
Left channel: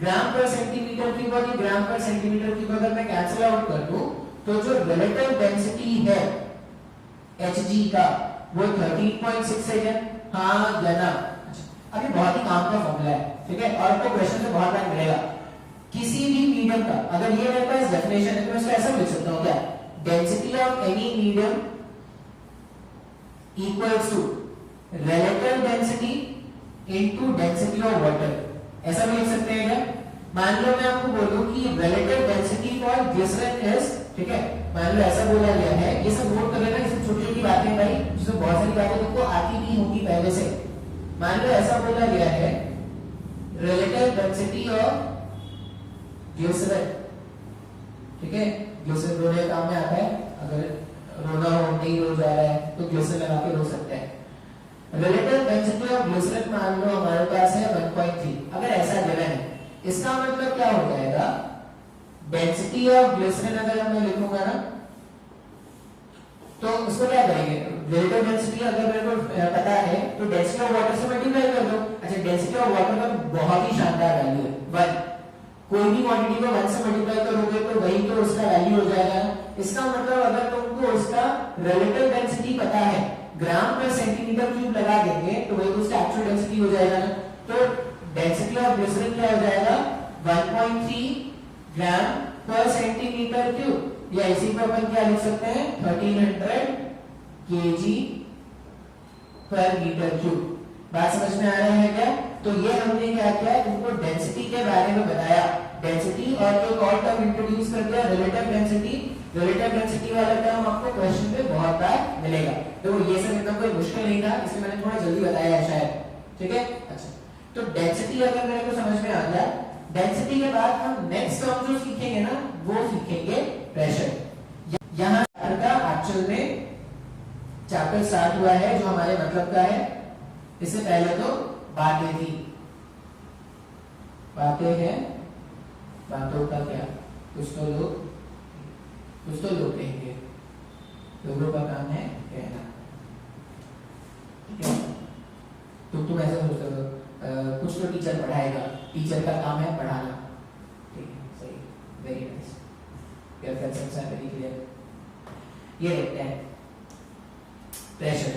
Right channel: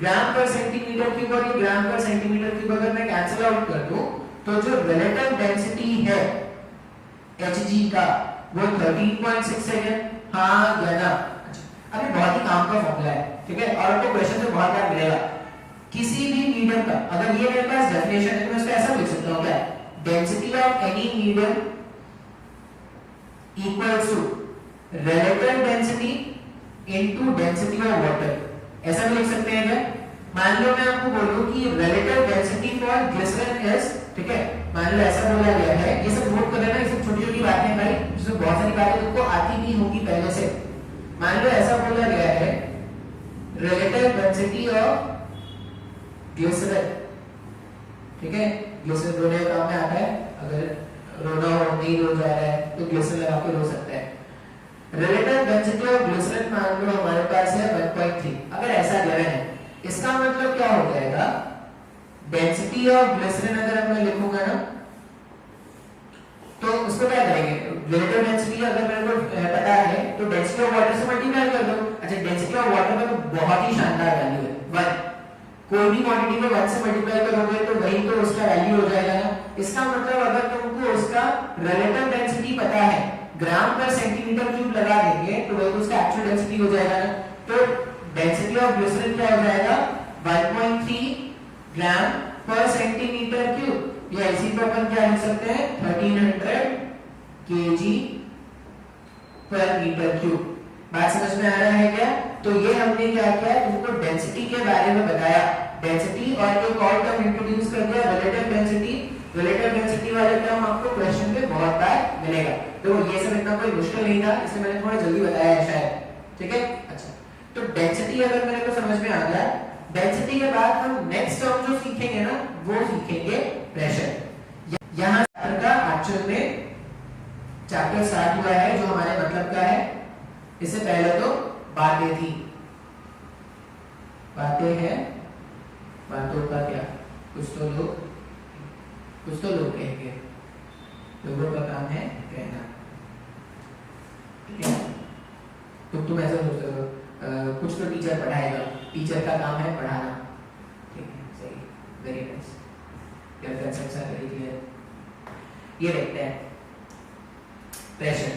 ग्राम पर सेंटीमीटर क्यूब और ये ग्राम पर सेंटीमीटर क्यूब अगर मैं कैंसिल आउट कर दूं तो जो रिलेटिव डेंसिटी है Hg का वो 13.6 है, हाँ या ना। अच्छा, अभी बहुत ही काम का फॉर्मूला है, ठीक है, और आपको क्वेश्चन में बहुत बार मिलेगा। किसी भी मीडियम का, अगर ये मेरे पास डेफिनेशन है तो मैं इसको ऐसा लिख सकता हूं क्या, density of any medium equals to relative density into density of water, ऐसा भी लिख सकते हैं क्या। मान लो मैं आपको बोलूं कि relative density for glycerine is, ठीक है, मान लो ऐसा बोला गया है, ये सब नोट कर लेना, ये सब छोटी छोटी बातें हैं भाई, जिसमें बहुत सारी बातें तुमको आती भी होंगी पहले से। मान लो ऐसा बोला गया है रिलेटिव डेंसिटी ऑफ ग्लिसरीन, ठीक है, ग्लिसरीन रोने का काम में आता है, अगर रोना हो नहीं रो जा रहा है तो ग्लिसरीन लगा के रो सकते हैं। रिलेटिव डेंसिटी ऑफ ग्लिसरीन मान लो हमारे पास है 1.3, अगर ऐसा गिवन है, इसका मतलब क्या हो जाएगा, डेंसिटी ऑफ ग्लिसरीन अगर मैं लिखूंगा ना तो उसको क्या करेंगे, रिलेटिव डेंसिटी अगर मेरे को पता है तो डेंसिटी ऑफ वाटर से मल्टीप्लाई कर दो। अच्छा, डेंसिटी ऑफ वाटर का तो बहुत ही शानदार वैल्यू है 1, कोई भी क्वांटिटी को 1 से मल्टीप्लाई करोगे तो वही तो उसका वैल्यू हो जाएगा। इसका मतलब अगर तुमको उसका रिलेटिव डेंसिटी पता है, ग्राम पर सेंटीमीटर क्यूब लगा देंगे तो वही तो उसका एक्चुअल डेंसिटी हो जाएगा ना। तो डेंसिटी ऑफ ग्लिसरीन क्या हो जाएगा 1.3 ग्राम पर सेंटीमीटर क्यूब, या इसी को अपन क्या लिख सकते हैं 1300 kg पर मीटर क्यूब। बात समझ में आ रहा है क्या। तो ये हमने क्या किया, तुमको डेंसिटी के बारे में बताया, डेंसिटी, और एक और टर्म इंट्रोड्यूस कर दिया रिलेटिव डेंसिटी। रिलेटिव डेंसिटी वाला टर्म आपको क्वेश्चन में बहुत बार मिलेगा, तो ये सब इतना कोई मुश्किल नहीं था, इसलिए मैंने थोड़ा जल्दी बताया है शायद, ठीक है। अच्छा, तो डेंसिटी अगर मेरे को समझ में आ गया, डेंसिटी के बाद हम नेक्स्ट टर्म जो सीखेंगे ना वो सीखेंगे प्रेशर। यहां का एक्चुअल में चैप्टर स्टार्ट हुआ है जो हमारे मतलब का है। इससे पहले तो बातें थी, बातें हैं, बातों का क्या, कुछ तो लोग कहेंगे, लोगों का काम है कहना, ठीक है। तुम ऐसा सोच रहे हो, कुछ तो टीचर पढ़ाएगा, टीचर का काम है पढ़ाना, ठीक है, सही, वेरी नाइस, क्या कंसेप्ट है वेरी क्लियर। ये देखते हैं प्रेशर,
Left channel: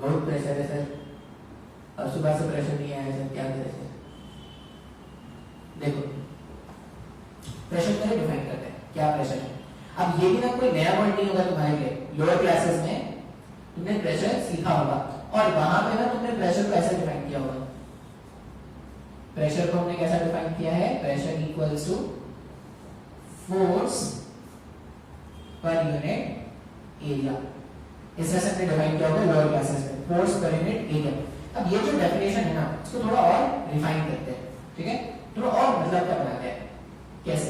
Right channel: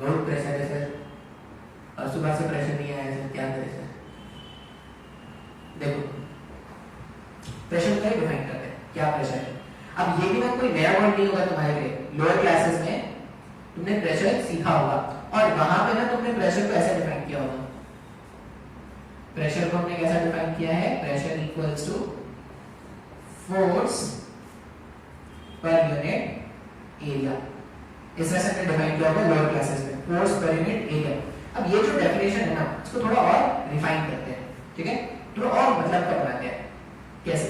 बहुत प्रेशर है सर, अब सुबह से प्रेशर नहीं आया सर, क्या करें सर। देखो प्रेशर को डिफाइन करते हैं, क्या प्रेशर है। अब ये भी ना कोई नया वर्ड नहीं होगा तुम्हारे लिए, लोअर क्लासेस में तुमने प्रेशर सीखा होगा और वहां पे ना तुमने प्रेशर को ऐसे डिफाइन किया होगा। प्रेशर को हमने कैसा डिफाइन किया है, pressure equals to force per unit area, इस तरह से हमने डिफाइन किया होगा लोअर क्लासेस में, फोर्स पर यूनिट एरिया। अब ये जो डेफिनेशन है ना इसको थोड़ा और रिफाइन करते हैं, ठीक है, थोड़ा और मतलब का बनाते हैं। कैसे,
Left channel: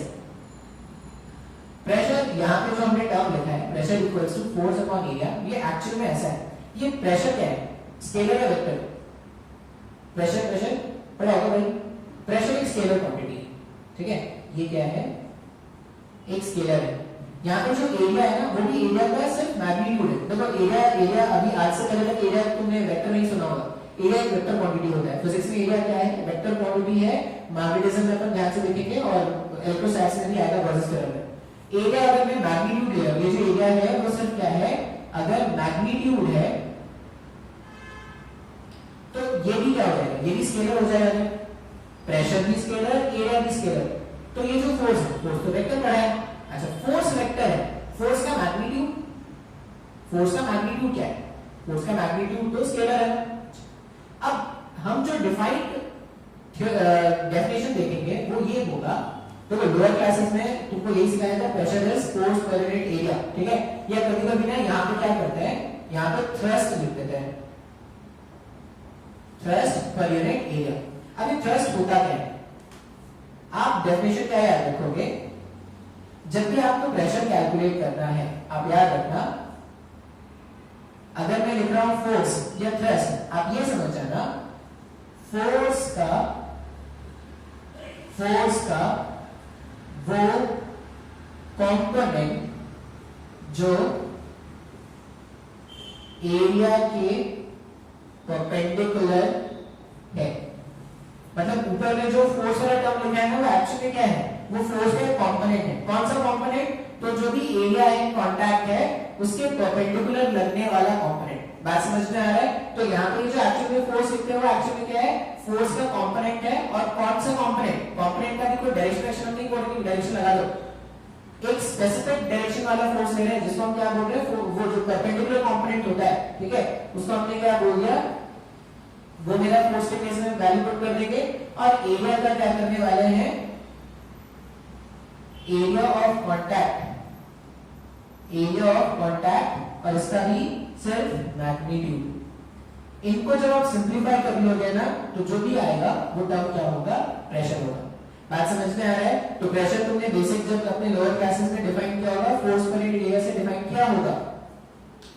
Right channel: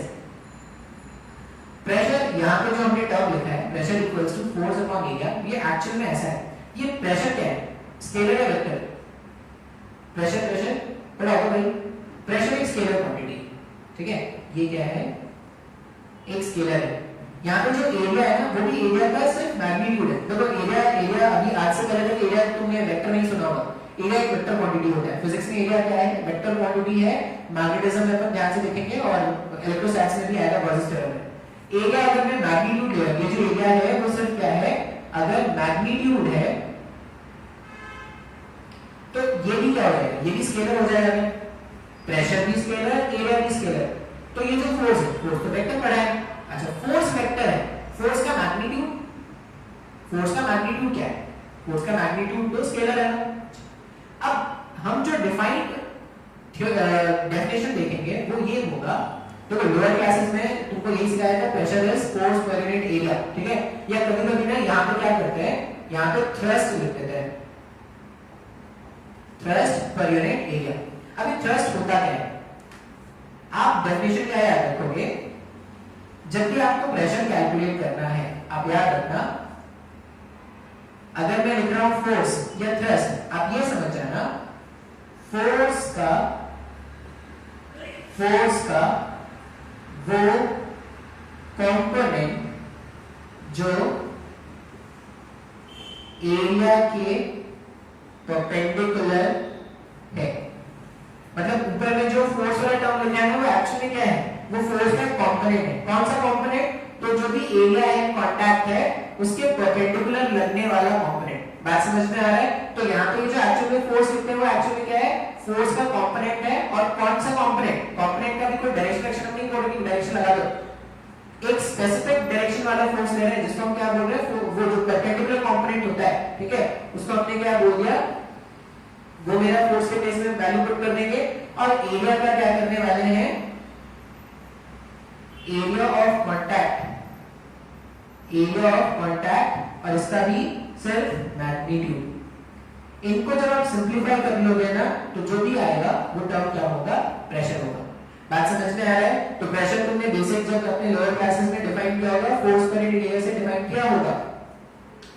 प्रेशर यहाँ पे जो हमने टर्म लिखा है pressure equals to force upon area, ये एक्चुअल में ऐसा है। ये प्रेशर क्या है, स्केलर या वेक्टर। प्रेशर पढ़ा होगा भाई, प्रेशर एक स्केलर क्वांटिटी, ठीक है, ये क्या है एक स्केलर है। यहाँ पे जो एरिया है ना वो भी एरिया का सिर्फ मैग्नीट्यूड है। देखो एरिया अभी आज से पहले तक एरिया तुमने वेक्टर नहीं सुना होगा, एरिया एक वेक्टर क्वांटिटी होता है। फिजिक्स में एरिया क्या है, वेक्टर क्वांटिटी है। मैग्नेटिज्म में अपन ध्यान से देखेंगे और इलेक्ट्रोस्टैटिक्स में भी आएगा वर्सेस थ्योरम में। एरिया अगर मैं मैग्नीट्यूड लिया, ये जो एरिया है वो सिर्फ क्या है, अगर मैग्नीट्यूड है तो ये भी क्या हो जाएगा, ये भी स्केलर हो जाएगा। प्रेशर भी स्केलर, एरिया भी स्केलर। तो ये जो फोर्स है, फोर्स तो वेक्टर पढ़ा है। अच्छा, फोर्स वेक्टर है, फोर्स का मैग्नीट्यूड, फोर्स का मैग्नीट्यूड क्या है? फोर्स का मैग्नीट्यूड तो स्केलर है। अब हम जो डिफाइंड डेफिनेशन देखेंगे वो ये होगा, देखो लोअर क्लासेस में तुमको यही सिखाया था, pressure is force per unit area, ठीक है। या कभी-कभी ना यहाँ पे क्या करते हैं, यहाँ पे थ्रस्ट लिख देते हैं, थ्रस्ट पर यूनिट एरिया। अभी थ्रस्ट होता क्या है? आप डेफिनेशन क्या याद रखोगे, जब भी आपको प्रेशर कैलकुलेट करना है, आप याद रखना, अगर मैं लिख रहा हूं फोर्स या थ्रस्ट, आप ये समझ जाना फोर्स का वो कंपोनेंट जो एरिया के परपेंडिकुलर है। मतलब ऊपर में जो फोर्स वाला टर्म लिखा है ना, वो एक्चुअली क्या है? वो फोर्स का कंपोनेंट है। कौन सा कंपोनेंट? तो जो भी एरिया है, कांटेक्ट है, उसके परपेंडिकुलर लगने वाला कंपोनेंट। बात समझ में आ रहा है? तो यहाँ पे जो एक्चुअली फोर्स लिखते हैं वो एक्चुअली क्या है? फोर्स का कंपोनेंट है। और कौन सा कंपोनेंट? कंपोनेंट का भी कोई डायरेक्शन नहीं बोल रही, डायरेक्शन लगा दो, एक स्पेसिफिक डायरेक्शन वाला फोर्स ले रहे हैं, जिसको हम क्या बोल रहे हैं? वो जो परपेंडिकुलर कंपोनेंट होता है, ठीक है, उसको हमने क्या बोल दिया, वो मेरा फोर्स के केस में वैल्यू पुट कर देंगे। और एरिया का क्या करने वाले हैं? Area of contact, area of contact, और इसका भी सिर्फ मैग्नीट्यूड। इनको जब आप सिंप्लीफाई कर लोगे ना, तो जो भी आएगा वो टर्म क्या होगा? प्रेशर होगा। बात समझ में आ रहा है? तो प्रेशर तुमने बेसिक जब अपने लोअर क्लासेस में डिफाइन किया होगा, फोर्स पर यूनिट एरिया से डिफाइन किया होगा।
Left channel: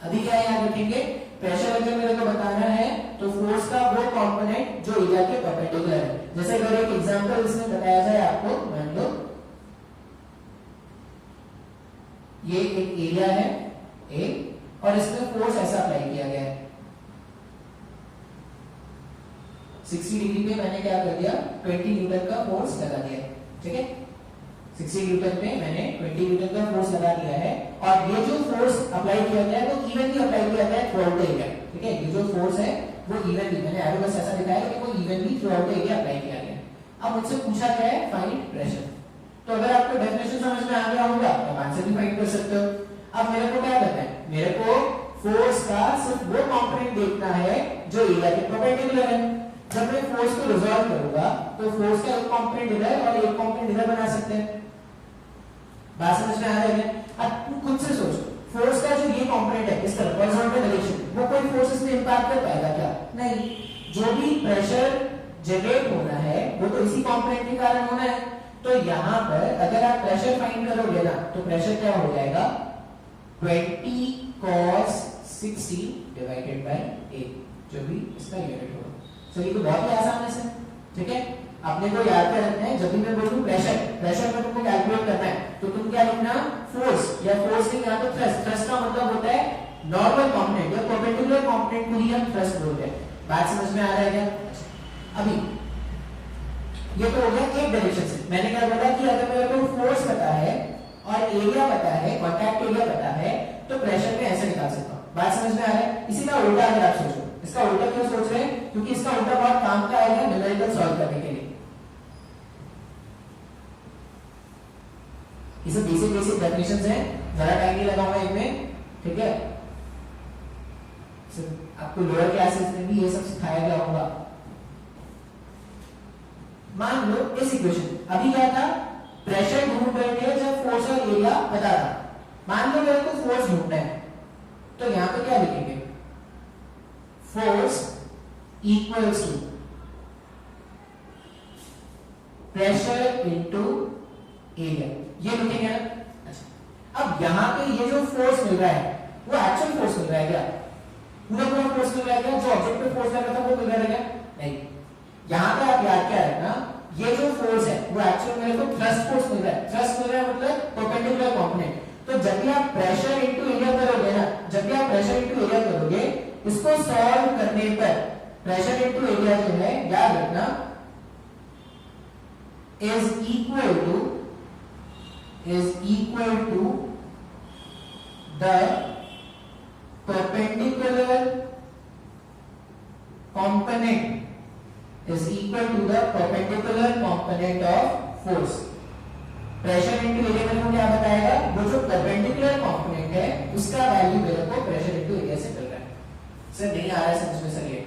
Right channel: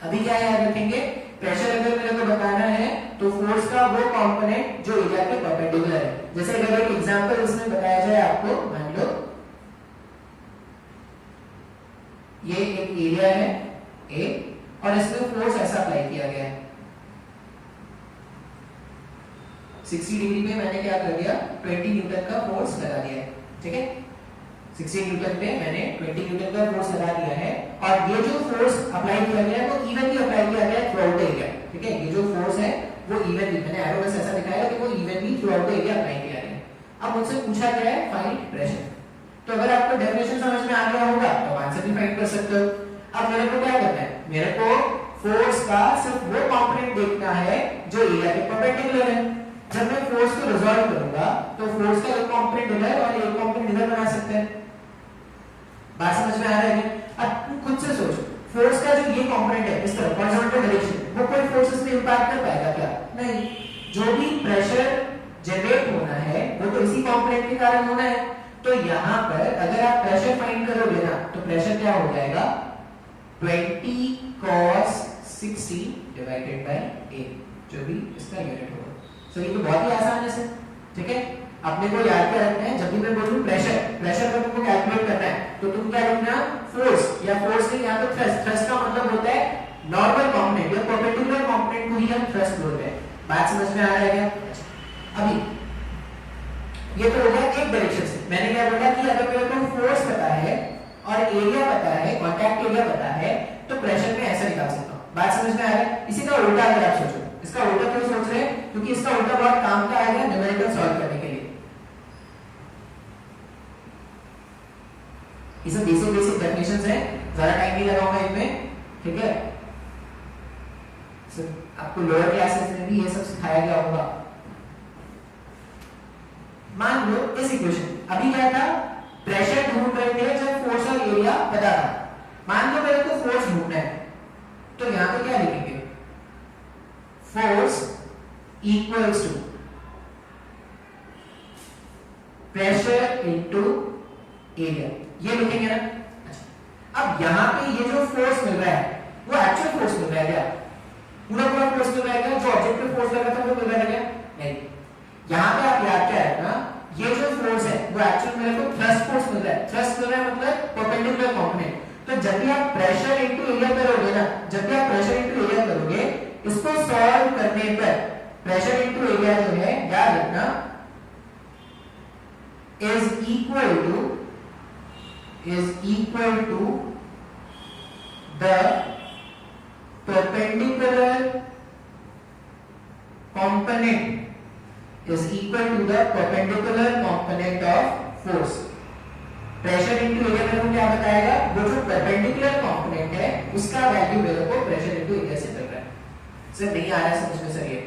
अभी क्या याद रखेंगे? प्रेशर अगर मेरे को बताना है तो फोर्स का वो कंपोनेंट जो एरिया के परपेंडिकुलर है। जैसे अगर एक एग्जांपल इसमें बताया जाए आपको, मान लो ये एक एरिया है ए, और इसमें फोर्स ऐसा अप्लाई किया गया है 60 डिग्री पे, मैंने क्या कर दिया? 20 न्यूटन का फोर्स लगा दिया है, ठीक है। 60 न्यूटन पे मैंने 20 न्यूटन का फोर्स लगा दिया है, और ये जो फोर्स अप्लाई किया गया है वो इवनली अप्लाई किया गया है थ्रू आउट द एरिया, ठीक है। ये जो फोर्स है वो इवनली, मैंने एरो बस ऐसा दिखाया कि वो evenly through out the area apply किया गया है। अब मुझसे पूछा गया है फाइंड प्रेशर। तो अगर आपको डेफिनेशन समझ में आ गया होगा तो आंसर भी फाइंड कर सकते हो। अब मेरे को क्या करना है? मेरे को फोर्स का सिर्फ वो कंपोनेंट देखना है जो एरिया के परपेंडिकुलर है। जब मैं फोर्स को रिजॉल्व करूंगा तो फोर्स का एक कंपोनेंट इधर और एक कंपोनेंट इधर बना सकते हैं। बात समझ में आ रहा है? अब तुम खुद से सोच, फोर्स का जो ये कंपोनेंट है इस तरफ हॉरिजॉन्टल डायरेक्शन, वो कोई फोर्सेस में इंपैक्ट कर पाएगा क्या? नहीं। जो भी प्रेशर जनरेट होना है वो तो इसी कंपोनेंट के कारण होना है। तो यहां पर अगर आप प्रेशर फाइंड करोगे ना, तो प्रेशर क्या हो जाएगा? 20 cos 60 डिवाइडेड बाय a, जो भी इसका यूनिट होगा। तो ये तो बहुत ही आसान है सर, ठीक है। अपने को याद क्या रखना है? जब भी मैं बोलूं प्रेशर, प्रेशर को तुमको कैलकुलेट करना है तो तुम क्या लिखना? फोर्स, या फोर्स नहीं, यहाँ पे थ्रस्ट। थ्रस्ट का मतलब होता है नॉर्मल कंपोनेंट या परपेंडिकुलर कंपोनेंट को ही हम थ्रस्ट बोलते हैं। बात समझ में आ रहा है क्या? अभी ये तो हो गया एक डायरेक्शन से। मैंने क्या बोला कि अगर मेरे को फोर्स पता है और एरिया पता है, कांटेक्ट एरिया पता है, तो प्रेशर में ऐसे निकाल सकता हूं। बात समझ में आ रहा है? इसी का उल्टा अगर आप सोचो, इसका उल्टा क्यों सोच रहे हैं? क्योंकि इसका उल्टा बहुत काम का आएगा न्यूमेरिकल सॉल्व करने के लिए। ये सब बेसिक डेफिनेशंस हैं, ज्यादा टाइम नहीं लगाऊंगा इनमें, ठीक है। आपको लोअर क्लासेस में भी ये सब सिखाया गया होगा। मान लो इस इक्वेशन, अभी क्या था? प्रेशर ढूंढ रहे थे जब फोर्स और एरिया बता था। मान लो मेरे को फोर्स ढूंढना है, तो यहां पे क्या लिखेंगे? Force equals to pressure into area, ये लिखेंगे ना। अच्छा, अब यहां पे ये जो फोर्स मिल रहा है वो एक्चुअल फोर्स मिल रहा है क्या? पूरा फोर्स मिल रहा है क्या? जो ऑब्जेक्टिव फोर्स लगा था वो मिल रहा है क्या? नहीं। यहां पे आप याद क्या रखना, ये जो फोर्स है वो एक्चुअल मेरे को थ्रस्ट फोर्स मिल रहा है। थ्रस्ट मिल रहा है मतलब परपेंडिकुलर कंपोनेंट। तो जब भी आप प्रेशर इनटू एरिया करोगे ना, जब भी आप प्रेशर इनटू एरिया करोगे, इसको सॉल्व करने पर प्रेशर इनटू एरिया जो है, याद रखना, is equal to the perpendicular component is equal to the perpendicular component of force. Pressure into area मेरे को क्या बताएगा, वो जो परपेंडिकुलर कंपोनेंट है उसका वैल्यू मेरे को प्रेशर इनटू एरिया से मिल रहा है। सर नहीं आ रहा है समझ में सर, ये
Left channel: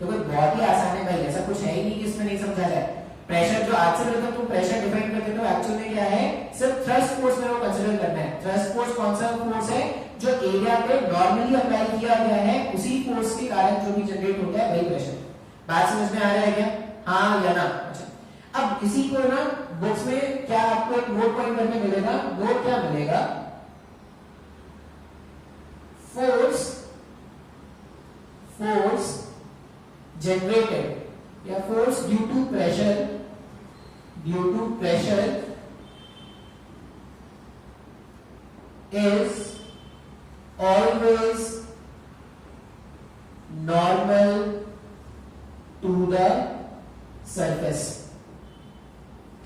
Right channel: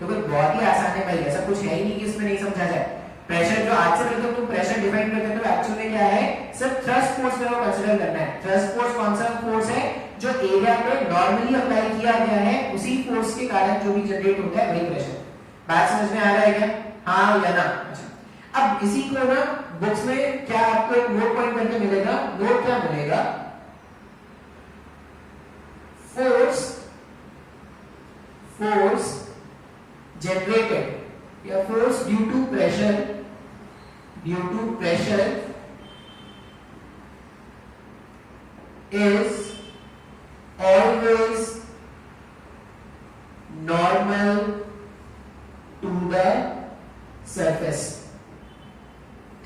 तो कोई बहुत ही आसान है भाई, ऐसा कुछ है ही नहीं कि इसमें नहीं समझा जाए। प्रेशर जो आज से मिलकर तुम प्रेशर डिफाइन करते हो एक्चुअल में क्या है, सिर्फ थ्रस्ट फोर्स मेरे को कंसीडर करना है। थ्रस्ट फोर्स कौन सा फोर्स है, जो एरिया पे नॉर्मली अप्लाई किया गया है उसी फोर्स के कारण जो भी जनरेट होता है वही प्रेशर। बात समझ में आ रहा है क्या, हाँ या ना? अच्छा, अब इसी को ना बुक्स में क्या आपको एक नोट पॉइंट करके मिलेगा, नोट क्या मिलेगा, फोर्स जनरेटेड या force due to pressure is always normal to the surface।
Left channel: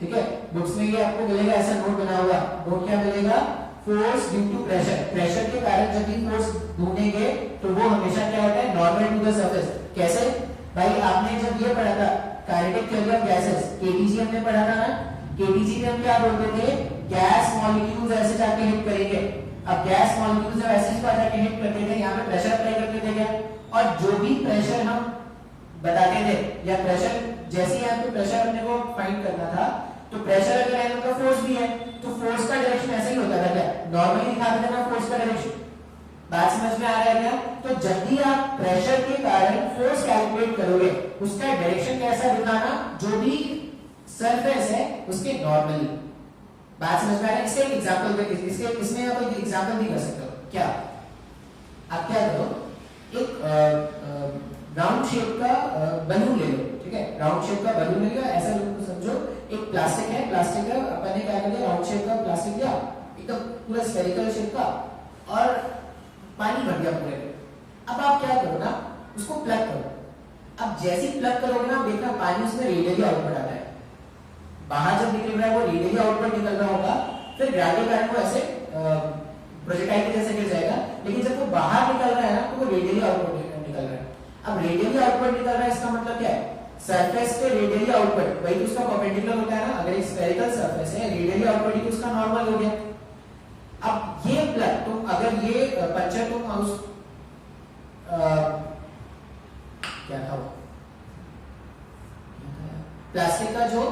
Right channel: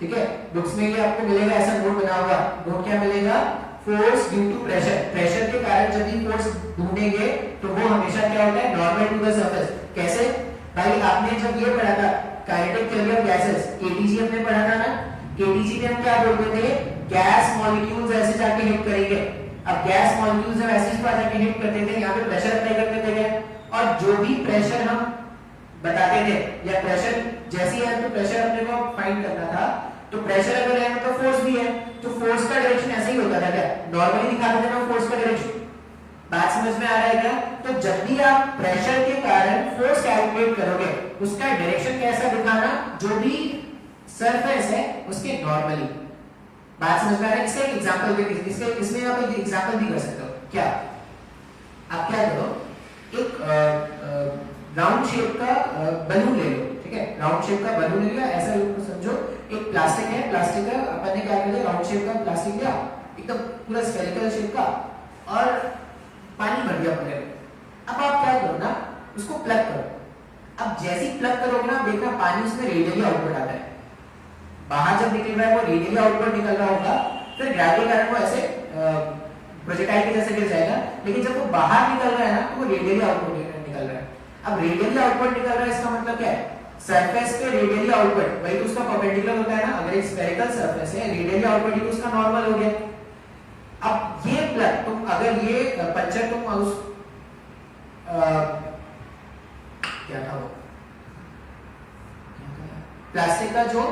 ठीक है, बुक्स में ये आपको मिलेगा, ऐसा नोट बना हुआ। नोट क्या मिलेगा, force due to pressure, pressure के कारण जब भी फोर्स ढूंढेंगे तो वो हमेशा क्या होता है, नॉर्मल टू द सरफेस। कैसे भाई, आपने जब ये पढ़ा था kinetic theory of gases, ATG हमने पढ़ा था ना, एटीजी में हम क्या बोलते थे, गैस मॉलिक्यूल्स ऐसे जाके हिट करेंगे। अब गैस मॉलिक्यूल्स जब ऐसे जाके हिट करते थे, यहाँ पे प्रेशर अप्लाई करते थे क्या, और जो भी प्रेशर हम बताते थे या प्रेशर जैसे ही है तो प्रेशर अपने को फाइंड करना था, तो प्रेशर अगर है तो फोर्स भी है, तो फोर्स का डायरेक्शन ऐसे ही होता था क्या, नॉर्मली दिखाते थे ना फोर्स का डायरेक्शन। बात समझ में आ रहा है क्या? तो जब भी आप प्रेशर के कारण फोर्स कैलकुलेट करोगे उसका डायरेक्शन कैसा दिखाना, जो भी सरफेस है उसके नॉर्मली। बात समझ में आ रहा है? इसका एक एग्जांपल भी, इसमें आप एक एग्जांपल भी कर सकते हो। क्या आप क्या करो, एक राउंड शेप का बलून ले लो, ठीक है, राउंड शेप का बलून ले लो, ऐसा समझो एक प्लास्टिक है, प्लास्टिक का अपन ने क्या किया, राउंड शेप का प्लास्टिक लिया, एकदम पूरा स्फेरिकल शेप का, और पानी भर दिया पूरे में। अब आप क्या करो ना, उसको प्लग करो। अब जैसे ही प्लग करोगे ना, देखना पानी उसमें रेडियली आउटपुट आता है, बाहर जब निकल रहा है वो रेडियली आउटपुट निकल रहा होगा, फिर ग्रेविटी के कारण वो ऐसे प्रोजेक्टाइल के जैसे गिर जाएगा, लेकिन जब वो बाहर निकल रहा है ना तो वो रेडियली आउटपुट निकल रहा है। अब रेडियली आउटपुट निकल रहा है, इसका मतलब क्या है, सरफेस पे रेडियली आउटपुट, वही तो उसका परपेंडिकुलर होता है ना, अगर एक स्फेरिकल सरफेस है रेडियली आउटपुट ही तो उसका नॉर्मल हो गया। अब ये प्लग तुम अगर ये पंचर तुम उस क्या था वो प्लास्टिक का जो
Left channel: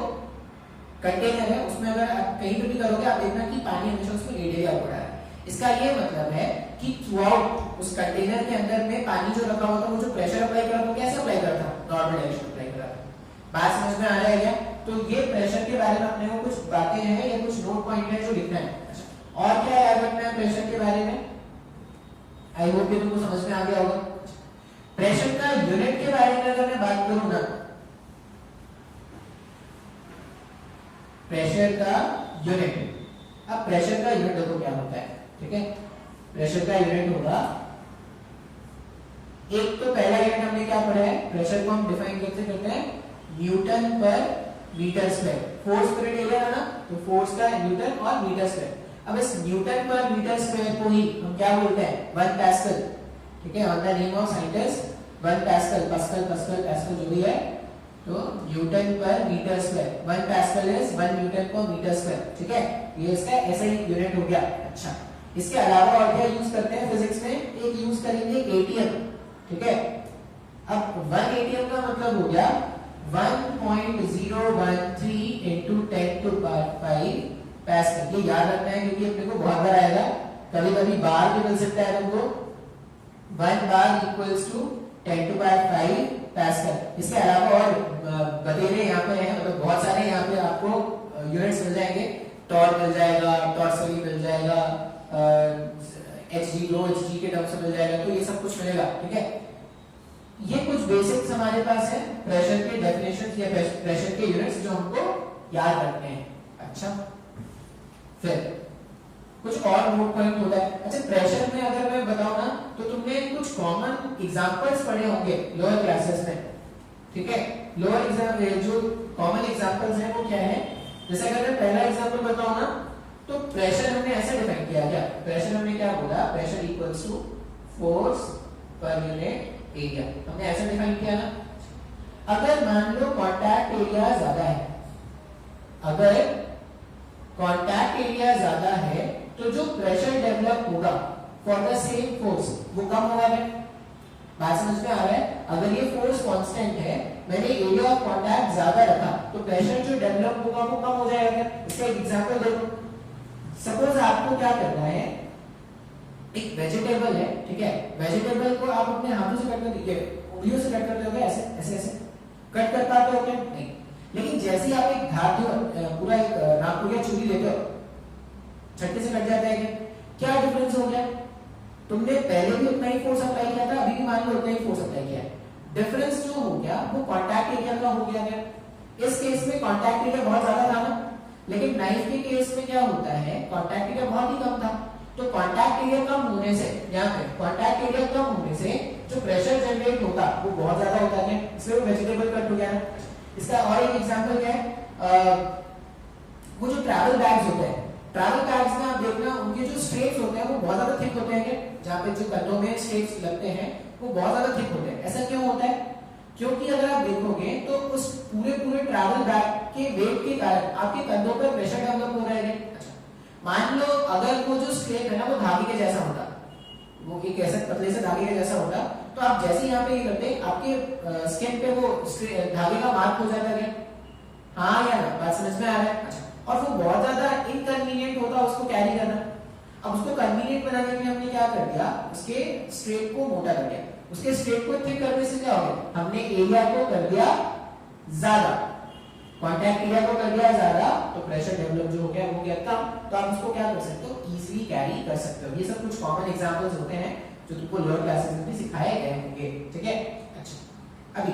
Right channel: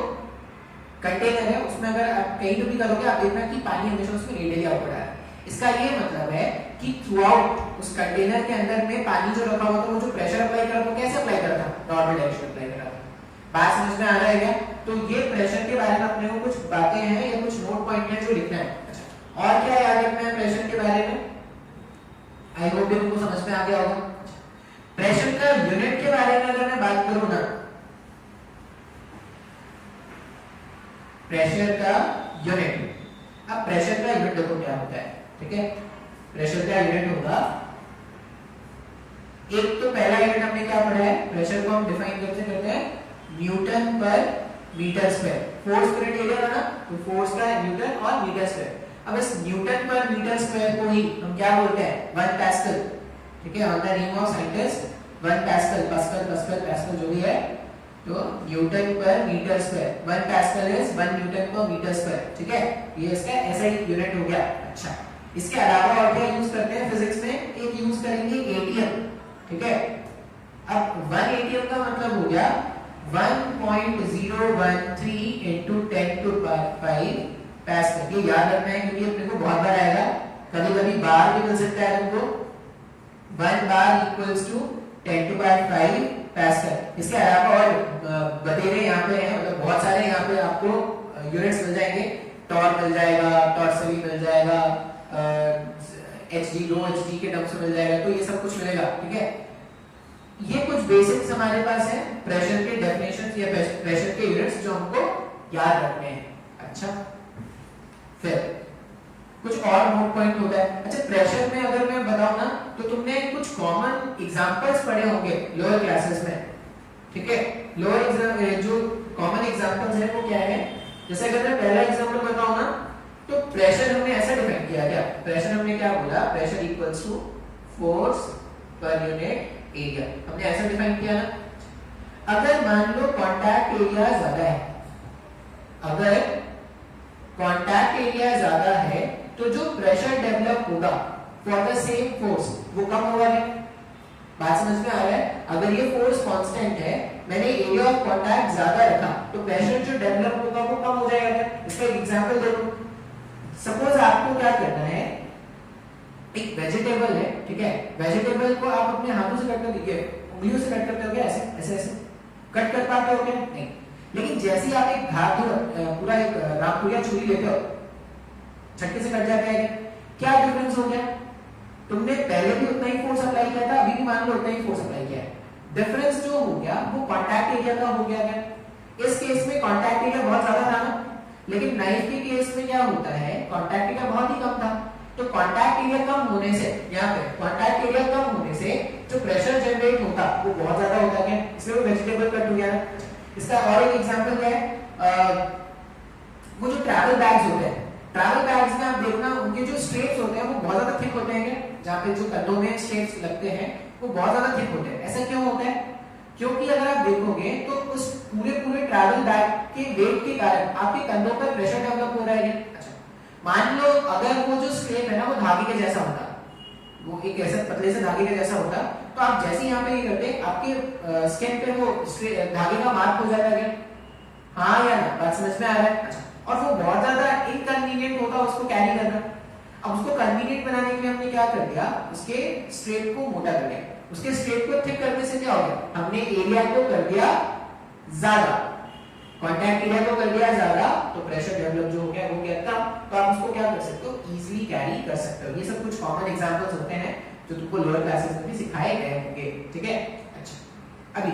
कंटेनर है उसमें अगर आप कहीं पे भी करोगे, आप देखना कि पानी हमेशा उसमें रेडियली आउटपुट आ रहा है। इसका ये मतलब है कि थ्रू आउट उस कंटेनर के अंदर में पानी जो रखा हुआ था, वो जो प्रेशर अप्लाई कर रहा था कैसे अप्लाई कर रहा था, नॉर्मल डायरेक्शन अप्लाई कर रहा था। बात समझ में आ रहा है क्या? तो ये प्रेशर के बारे में अपने को कुछ बातें हैं या कुछ नोट पॉइंट है जो लिखना है। और क्या याद रखना है प्रेशर के बारे में, आई होप ये तुमको समझ में आ गया होगा। प्रेशर का यूनिट के बारे में अगर मैं बात करूं ना, प्रेशर का यूनिट, अब प्रेशर का यूनिट देखो क्या होता है, ठीक है, प्रेशर का यूनिट होगा, एक तो पहला यूनिट हमने क्या पढ़ा है, प्रेशर को हम डिफाइन कैसे करते हैं, Newton per metre square, force पर एरिया ना, तो फोर्स का न्यूटन और मीटर स्क्वायर। अब इस न्यूटन पर मीटर स्क्वायर को ही हम क्या बोलते हैं, 1 पास्कल, ठीक है, on the name of scientist 1 pascal, pascal जो भी है, तो newton per metre square, 1 pascal is 1 newton per metre square, ठीक है, ये इसका ऐसा ही यूनिट हो गया। अच्छा, इसके अलावा और क्या यूज करते हैं फिजिक्स में, एक यूज करेंगे एटीएम, ठीक है। अब 1 एटीएम का मतलब हो गया 1.013 into 10 to the power 5 pascal. ये याद रखना है क्योंकि अपने को बहुत बार आएगा, कभी-कभी बार भी मिल सकता है तुमको, 1 बार equals to 10 to the power 5 pascal. इसके अलावा और बतेरे यहाँ पे हैं, मतलब बहुत सारे यहाँ पे आपको यूनिट्स मिल जाएंगे, टॉर्क मिल जाएगा, टॉर्सरी मिल जाएगा, एचडी रो एचडी के टर्म्स में मिल जाएगा, तो ये सब कुछ मिलेगा, ठीक है। ये कुछ बेसिक्स हमारे पास है प्रेशर के डेफिनेशंस या प्रेशर के यूनिट्स जो हमको याद रखने हैं। अच्छा, फिर कुछ और नोट पॉइंट होता है। अच्छा, प्रेशर में अगर मैं बताऊं ना, तो तुमने कुछ कॉमन एग्जांपल्स पढ़े होंगे लोअर क्लासेस में, ठीक है। लोअर जो कॉमन एग्जांपल्स हैं वो क्या है, जैसे अगर मैं पहला एग्जांपल बताऊं ना, तो प्रेशर हमने ऐसा डिफाइन किया क्या, प्रेशर हमने क्या बोला, pressure equals to force per unit area, हमने ऐसा डिफाइन किया ना। अगर मान लो एरिया ज्यादा है, अगर कॉन्टैक्ट एरिया ज्यादा है तो जो प्रेशर डेवलप होगा फॉर द सेम फोर्स वो कम होगा नहीं। बात समझ में आ रहा है? अगर ये फोर्स कांस्टेंट है, मैंने एरिया ऑफ कॉन्टैक्ट ज्यादा रखा तो प्रेशर जो डेवलप होगा वो कम हो जाएगा। इसका एक एग्जांपल दे दूं। सपोज आपको क्या करना है, एक वेजिटेबल है, ठीक है, वेजिटेबल को आप अपने हाथों से कट कर दीजिए, उंगलियों से कट करते हो क्या? ऐसे ऐसे ऐसे कट कर पाते हो क्या? नहीं। लेकिन जैसे ही आप एक धातु पूरा एक नाखून छुरी लेते हो, झटके से कट जाता है क्या डिफरेंस हो गया? तुमने पहले भी उतना ही फोर्स अप्लाई किया था, अभी भी मान लो उतना ही फोर्स अप्लाई किया है। डिफरेंस जो हो गया वो कांटेक्ट एरिया का हो गया क्या? इस केस में कांटेक्ट एरिया बहुत ज्यादा था ना, लेकिन नाइफ के केस में क्या होता है, कांटेक्ट एरिया बहुत ही कम था। तो कांटेक्ट एरिया कम होने से, यहाँ पे कांटेक्ट एरिया कम होने से जो प्रेशर जनरेट होता वो बहुत ज्यादा होता है, इसलिए वेजिटेबल कट हो गया ना। इसका और एक एग्जांपल क्या है, वो जो ट्रैवल बैग्स होते हैं, ट्रैवल बैग्स में आप देखना उनके जो स्ट्रेप्स होते हैं वो बहुत ज्यादा थिक होते हैं, जहाँ पे जो कंधों में स्ट्रेप्स लगते हैं वो बहुत ज्यादा थिक होते हैं। ऐसा क्यों होता है? क्योंकि अगर आप देखोगे तो उस पूरे ट्रैवल बैग के वेट के कारण आपके कंधों पर प्रेशर डेवलप हो रहा है। अच्छा, मान लो अगर वो जो स्ट्रेप है ना वो धागे के जैसा होता, वो एक ऐसे पतले से धागे के जैसा होता, तो आप जैसे यहाँ पे ये करते आपके स्किन पे वो धागे का मार्क हो जाता है। हाँ या ना? बात समझ में आ रहा है? अच्छा, और वो बहुत ज्यादा इनकन्वीनियंट होता उसको कैरी करना। अब उसको कन्वीनियंट बनाने के लिए हमने क्या कर दिया, उसके स्ट्रेप को मोटा कर दिया। उसके स्ट्रेप को थिक करने से क्या हो गया, हमने एरिया को कर दिया ज्यादा, कांटेक्ट एरिया को कर दिया ज्यादा, तो प्रेशर डेवलप जो हो गया वो क्या था, तो आप उसको क्या कर सकते हो, इजीली कैरी कर सकते हो। ये सब कुछ कॉमन एग्जांपल्स होते हैं जो तुमको लोअर क्लासेस में भी सिखाए गए होंगे, ठीक है। अच्छा, अभी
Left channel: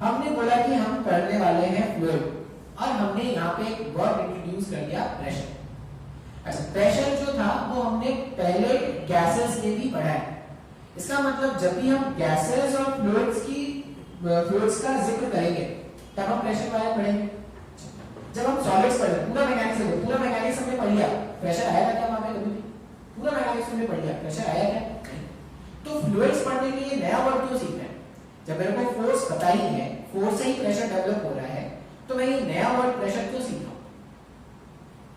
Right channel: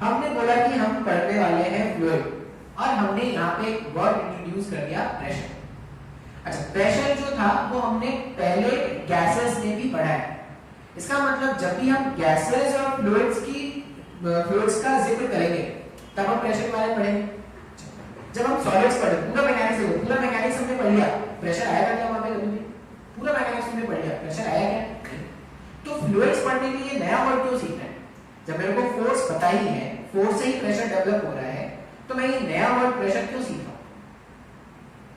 हमने बोला कि हम पढ़ने वाले हैं फ्लूइड, और हमने यहाँ पे एक वर्ड इंट्रोड्यूस कर दिया, प्रेशर। अच्छा, प्रेशर जो था वो हमने पहले गैसेस में भी पढ़ा है। इसका मतलब जब भी हम गैसेस और फ्लूइड्स का जिक्र करेंगे तब हम प्रेशर के बारे में पढ़ेंगे। जब हम सॉलिड्स पढ़े, पूरा मैकेनिक्स हमने पढ़ लिया, प्रेशर आया था क्या वहां पे? कभी पूरा मैकेनिक्स हमने पढ़ लिया, प्रेशर आया क्या? तो फ्लूइड्स पढ़ने के लिए नया वर्ड क्यों सीखना है? जब मेरे को फोर्स पता ही है, फोर्स से ही प्रेशर डेवलप हो रहा है, तो मैं ये नया वर्ड प्रेशर क्यों सीखा?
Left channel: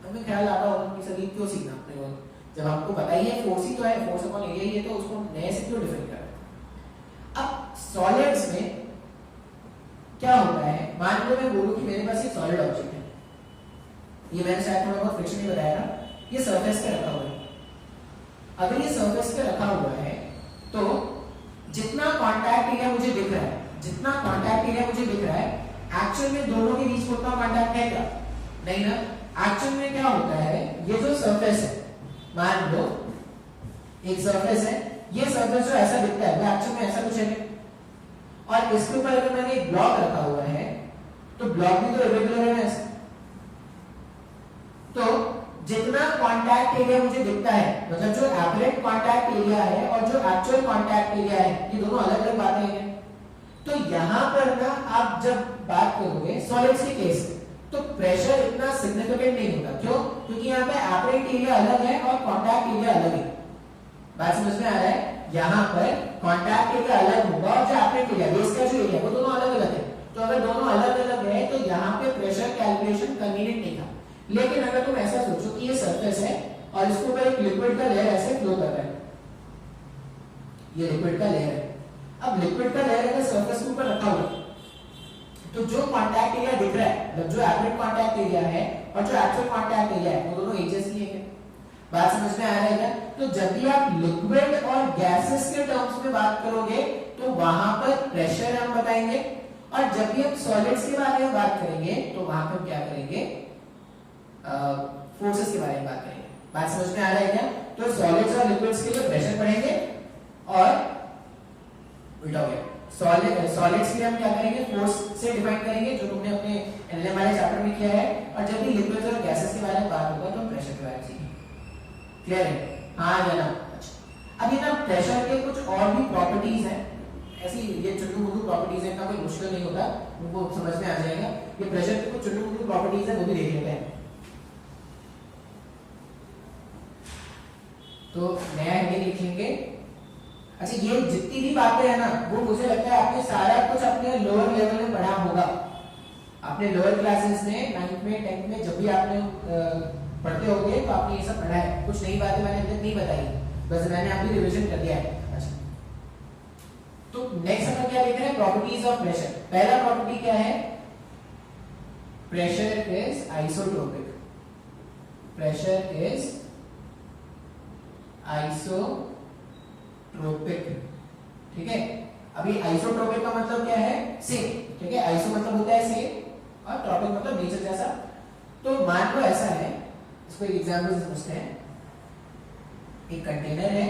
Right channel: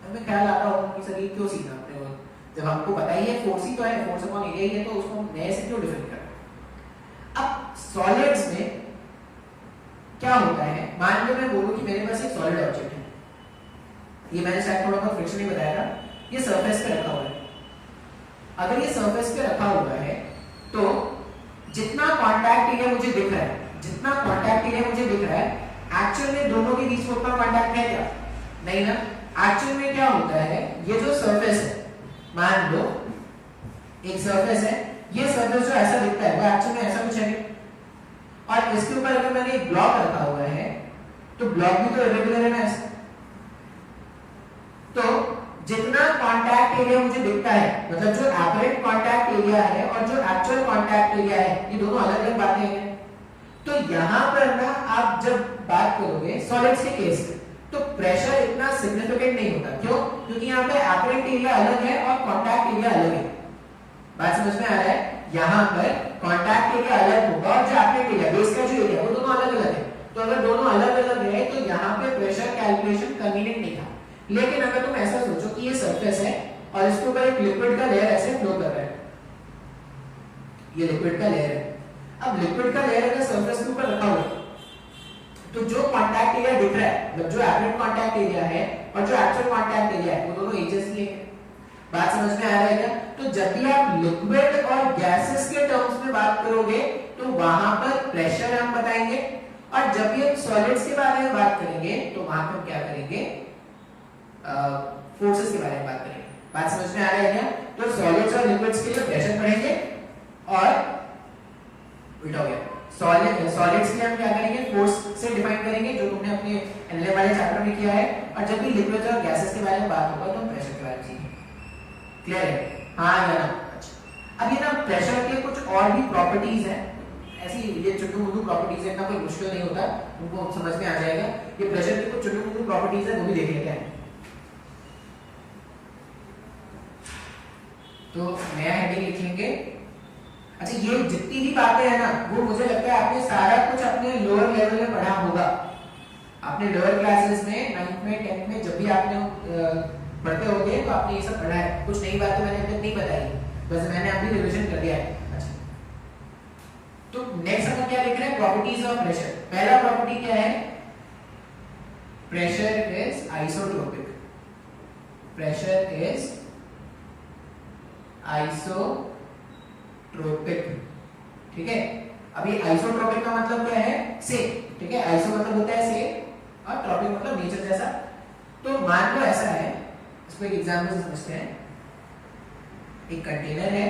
हमें ख्याल आता होगा कि सर ये क्यों सीखना अपने वर्ड, जब हमको पता ही है फोर्स ही तो है, फोर्स अपॉन एरिया ही है, तो उसको नए से क्यों डिफाइन करना? अब सॉलिड्स में क्या होता है, मान लो मैं बोलूं कि मेरे पास एक सॉलिड ऑब्जेक्ट है, ये मैंने शायद थोड़ा बहुत फ्रिक्शन में बताया था, ये सरफेस पे रखा हुआ है। अगर ये सरफेस पे रखा हुआ है तो जितना कांटेक्ट एरिया मुझे दिख रहा है, एक्चुअल में दोनों के बीच में उतना कांटेक्ट है क्या? नहीं ना। एक्चुअल में क्या होता है, ये जो सरफेस है, मान लो एक सरफेस है, ये सरफेस जो ऐसा दिखता है वो एक्चुअल में ऐसा कुछ है, और इसके ऊपर अगर मैंने एक ब्लॉक रखा हुआ है तो ब्लॉक भी तो इरेगुलर है ना ऐसा। तो जितना कांटेक्ट एरिया मुझे दिखता है, मतलब जो एपरेंट कांटेक्ट एरिया है और जो एक्चुअल कांटेक्ट एरिया है, ये दोनों अलग अलग बातें हैं। तो यहां पर ना आप जब बात करोगे सॉलिड्स के केस में, तो प्रेशर इतना सिग्निफिकेंट नहीं होता। क्यों? क्योंकि यहाँ पे एपरेंट एरिया अलग है और कांटेक्ट एरिया अलग है। बात समझ में आ रहा है? यहाँ पर कांटेक्ट एरिया अलग होगा और जो एपरेंट एरिया, बेस का जो एरिया, वो दोनों अलग अलग है। तो अगर दोनों अलग अलग है तो यहाँ पे प्रेशर कैलकुलेशन कन्वीनियंट नहीं था। लेकिन अगर तुम ऐसा सोचो कि ये सरफेस है और इसके ऊपर एक लिक्विड का लेयर ऐसे फ्लो कर रहा है, ये लिक्विड का लेयर है, अब लिक्विड का लेयर अगर सरफेस के ऊपर रखा हुआ है, तो जो कांटेक्ट एरिया दिख रहा है, मतलब जो एपरेंट कांटेक्ट एरिया है और जो एक्चुअल कांटेक्ट एरिया है, वो दोनों एक जैसे ही है। बात समझ में आ रहा है क्या? तो जब भी आप लिक्विड और गैसेस के टर्म्स में बात करोगे तो वहां पर प्रेशर हम बताएंगे, और जब भी हम सॉलिड्स के बारे में बात करेंगे तो वहां पर क्या करेंगे, फोर्सेस के बारे में बात करेंगे। बात समझ में आ रहा है क्या? तो सॉलिड्स और लिक्विड्स के लिए प्रेशर पढ़ेंगे, और उल्टा हो गया, सॉलिड्स के लिए हम क्या करेंगे, फोर्स से डिफाइन करेंगे, जो तुमने अपने एनएलएम वाले चैप्टर में किया है, और जब भी लिक्विड्स और गैसेस के बारे में बात होगा तो प्रेशर के बारे में सीखेंगे। क्लियर है? हाँ या ना? अच्छा, अब ये ना प्रेशर के कुछ और भी प्रॉपर्टीज हैं, ऐसी ये चुन्नू मुन्नू प्रॉपर्टीज है, इतना कोई मुश्किल नहीं होता, उनको समझ में आ जाएगा। ये प्रेशर के कुछ चुन्नू मुन्नू प्रॉपर्टीज है, वो भी देख लेते हैं। तो नया हेडिंग लिखेंगे। अच्छा, ये जितनी भी बातें हैं ना, वो मुझे लगता है आपने सारा कुछ अपने लोअर लेवल में पढ़ा होगा। आपने लोअर क्लासेस में 9th में 10th में जब भी आपने पढ़ते होंगे तो आपने ये सब पढ़ा है, कुछ नई बातें मैंने अभी नहीं बताई, बस मैंने अभी रिवीजन कर दिया है। अच्छा, तो नेक्स्ट हम क्या देख रहे हैं, प्रॉपर्टीज ऑफ प्रेशर। पहला प्रॉपर्टी क्या है, pressure is isotropic. Pressure is isotropic, ठीक है। अभी आइसोट्रोपिक का मतलब क्या है, सेम, ठीक है। आइसो मतलब होता है सेम और ट्रोपिक मतलब नेचर जैसा। तो मान लो ऐसा है, इसको एक एग्जांपल से समझते हैं। एक कंटेनर है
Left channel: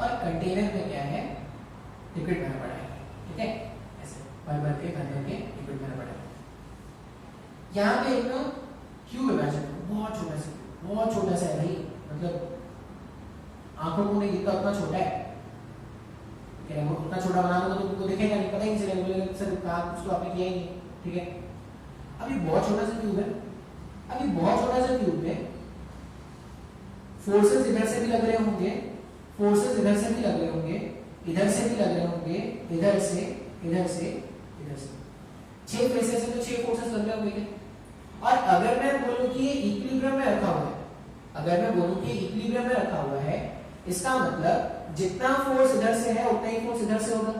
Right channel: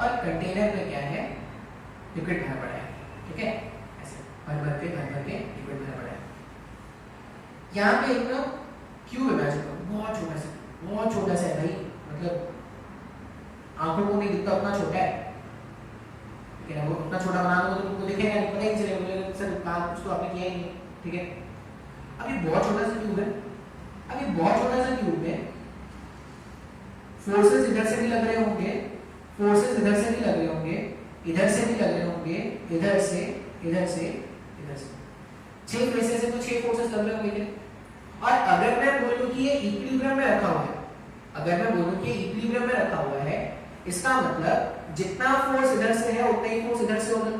और कंटेनर में क्या है, लिक्विड भरा पड़ा है, ठीक है। ऐसे भर भर के लिक्विड भरा पड़ा है। यहाँ पे एक ना क्यूब इमेजिन करो, बहुत छोटा सा है भाई, मतलब आंखों को नहीं दिखता, उतना छोटा है, ठीक है। वो उतना छोटा बना दो तो तुमको दिखेगा नहीं, पता ही नहीं चलेगा सर कहाँ, कुछ तो आपने किया ही नहीं, ठीक है। अभी बहुत छोटा सा क्यूब है, अभी बहुत छोटा सा क्यूब में फोर्सेस इधर से भी लग रहे होंगे, फोर्सेस इधर से भी लग रहे होंगे, इधर से भी लग रहे होंगे, इधर से, इधर से, इधर से, 6 प्रेशर से तो 6 फोर्सेस लग रहे होंगे। और अगर मैं बोलूं कि ये इक्विलिब्रियम में रखा हुआ है, अगर मैं बोलूं कि इक्विलिब्रियम में रखा हुआ है, इसका मतलब जितना फोर्स इधर से है उतना ही फोर्स इधर से होगा,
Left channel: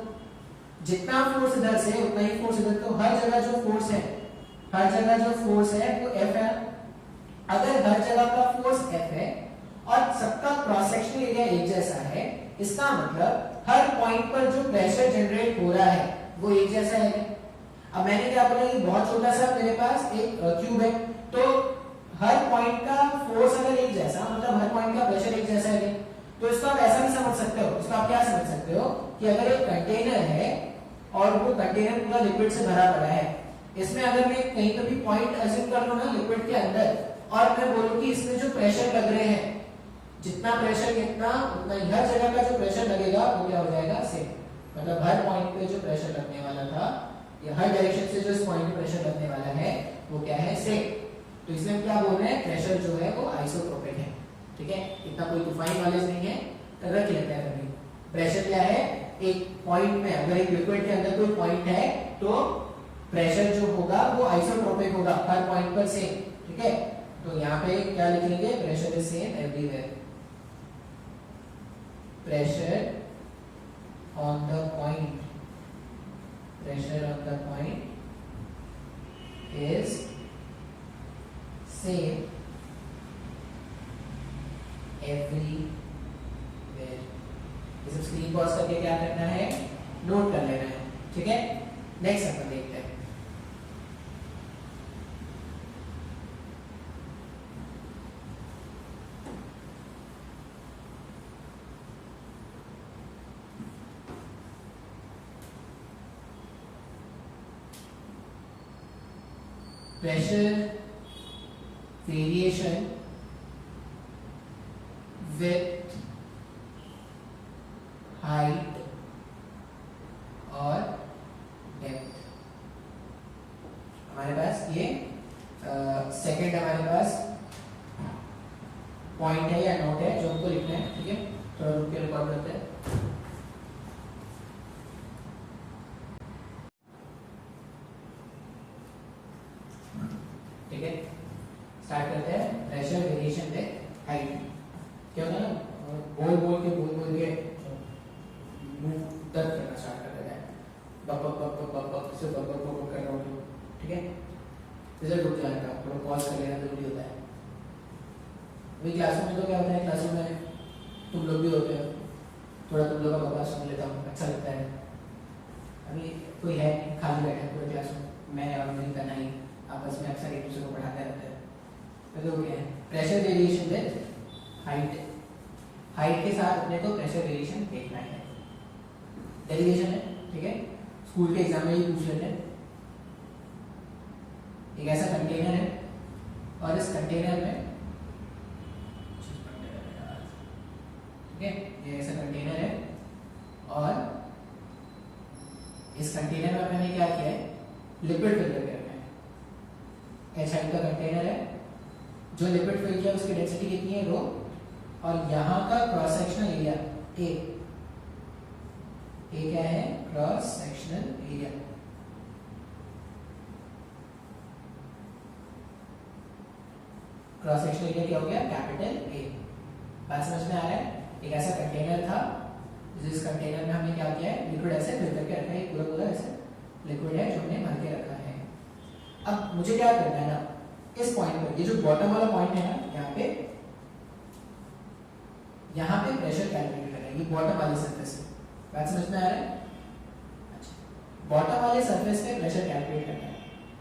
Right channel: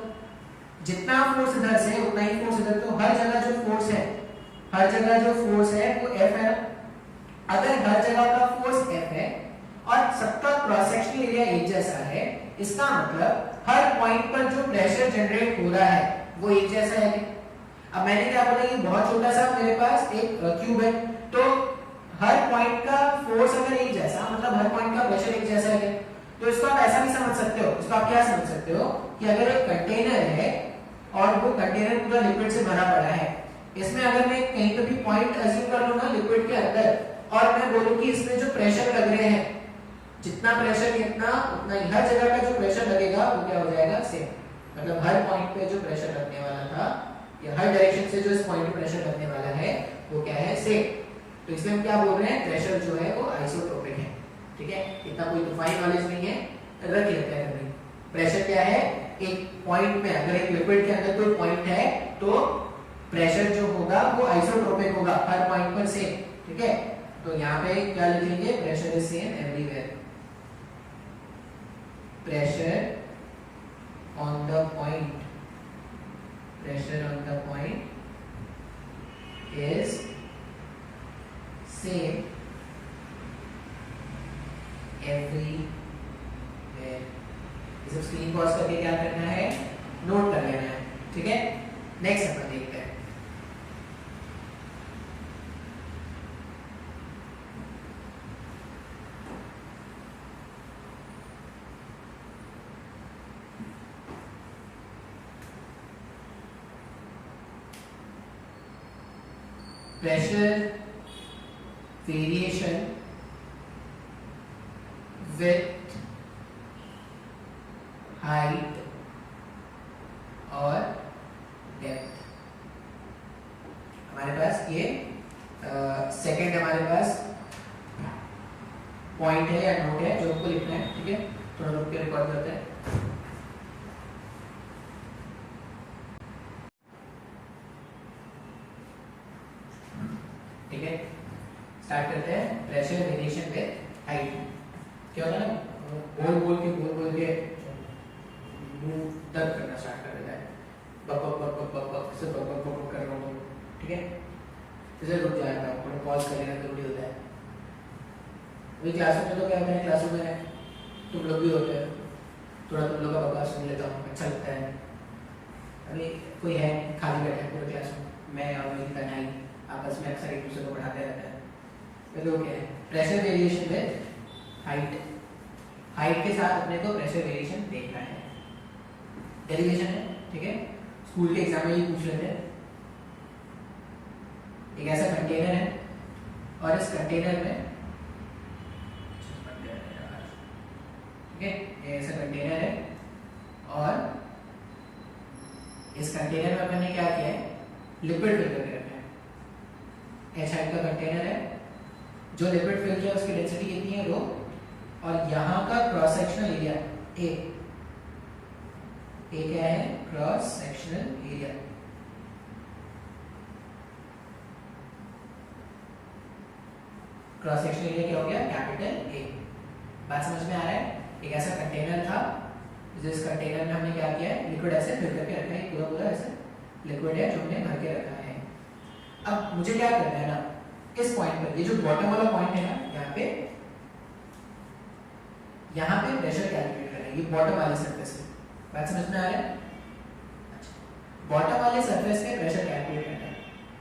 जितना फोर्स इधर से उतना ही फोर्स इधर। तो हर जगह जो फोर्स है, हर जगह जो फोर्स है वो F है। अगर हर जगह का फोर्स F है और सबका क्रॉस सेक्शनल एरिया एक जैसा है, इसका मतलब हर पॉइंट पर जो प्रेशर जनरेट हो रहा है वो एक जैसा है। अब मैंने क्या बोला कि बहुत छोटा सा मेरे पास एक क्यूब है, तो हर पॉइंट का फोर्स अगर एक जैसा, मतलब हर पॉइंट का प्रेशर एक जैसा है, तो इसको आप ऐसा भी समझ सकते हो। इसको आप क्या समझ सकते हो कि अगर एक कंटेनर है और वो कंटेनर पूरा लिक्विड से भरा पड़ा है, इसमें अगर मैं कहीं पे भी पॉइंट अज्यूम कर लूं ना लिक्विड के अंदर, और मैं बोलूं कि इसमें जो प्रेशर लग रहे हैं, जितना प्रेशर कितना उतना ही हर जगह का जो प्रेशर लगेगा वो क्या हो जाएगा, सेम। मतलब हर पॉइंट पे जो प्रेशर लगने वाला था या हर डायरेक्शन से जो इस पॉइंट पे प्रेशर लगने वाला है वो क्या है, सेम। तो इसलिए हम क्या बोल रहे हैं, प्रेशर जो है वो आइसोट्रोपिक है, ठीक है। इतना कोई तूफानी नॉलेज नहीं है, रख लेते हैं भाई। प्रेशर क्या है, एक पॉइंट में अगर एक लिक्विड के अंदर कोई पॉइंट है तो प्रेशर जो होगा वो आइसोट्रोपिक होगा, हर पॉइंट पर सेम, ठीक है। तो यहाँ पे क्या लिखेंगे, pressure is same everywhere. Pressure on the point, pressure on the point is same everywhere. इसे स्क्रीन पॉज करके क्या करना है, नोट कर लेना है, ठीक है। नेक्स्ट अपन देखते हैं। प्रेशर वेरिएशन विथ हाइट और डेप्थ। हमारे पास ये सेकंड हमारे पास पॉइंट है या नोट है जो हमको लिखना है, ठीक है। थोड़ा रुक के रिकॉर्ड करते हैं। ठीक है, स्टार्ट करते हैं। Pressure variation with height. क्या होता है ना, बोल बोल के मुंह दर्द करना स्टार्ट कर देता है, बक बक बक बक बक बक से बक बक बक कर रहा हूँ, ठीक है। इसे रुक जाएगा, थोड़ा पॉज कर लेना जरूरी होता है। अभी क्लासरूम में तो क्या होता है, क्लासरूम में तुम लोग भी होते हो, थोड़ा तुम लोग का बकवास सुन लेता हूँ, अच्छा लगता है। अभी कोई है खाली बैठा है पूरे क्लासरूम, मैं और मेरी कन्हई आपस में अक्सर एक दूसरे को बढ़ाते रहते हैं। तो क्या है, pressure variation with height. Height के साथ अपने को प्रेशर वेरिएशन देखना है, डेरिवेशन है, ठीक है। स्कूल के एग्जाम में ही पूछ लेते हैं। एक ऐसा कंटेनर है और इस कंटेनर में, ठीक है, ये ऐसा कंटेनर है और इस कंटेनर में मैंने क्या किया है, लिक्विड फिल करके रखा है। H हाइट का कंटेनर है, जो लिक्विड फिल किया उसकी डेंसिटी कितनी है, रो, और यहाँ का क्रॉस सेक्शनल एरिया ए क्या है, cross sectional area. Cross sectional area क्या हो गया कैपिटल ए। बात समझ में आ रहा है? एक ऐसा कंटेनर था जिस कंटेनर में हमने क्या किया है, लिक्विड ऐसे फिल करके रखा है, पूरा पूरा ऐसे लिक्विड है जो हमने भर के रखा है। अब मुझे क्या करना है ना, इस पॉइंट पर, ये जो बॉटम वाला पॉइंट है ना, यहाँ पे प्रेशर कैलकुलेट करना है, ये बॉटम वाले सरफेस पे। बात समझ में आ रहा है? अच्छा, बॉटम वाले सरफेस पे प्रेशर कैलकुलेट करना है।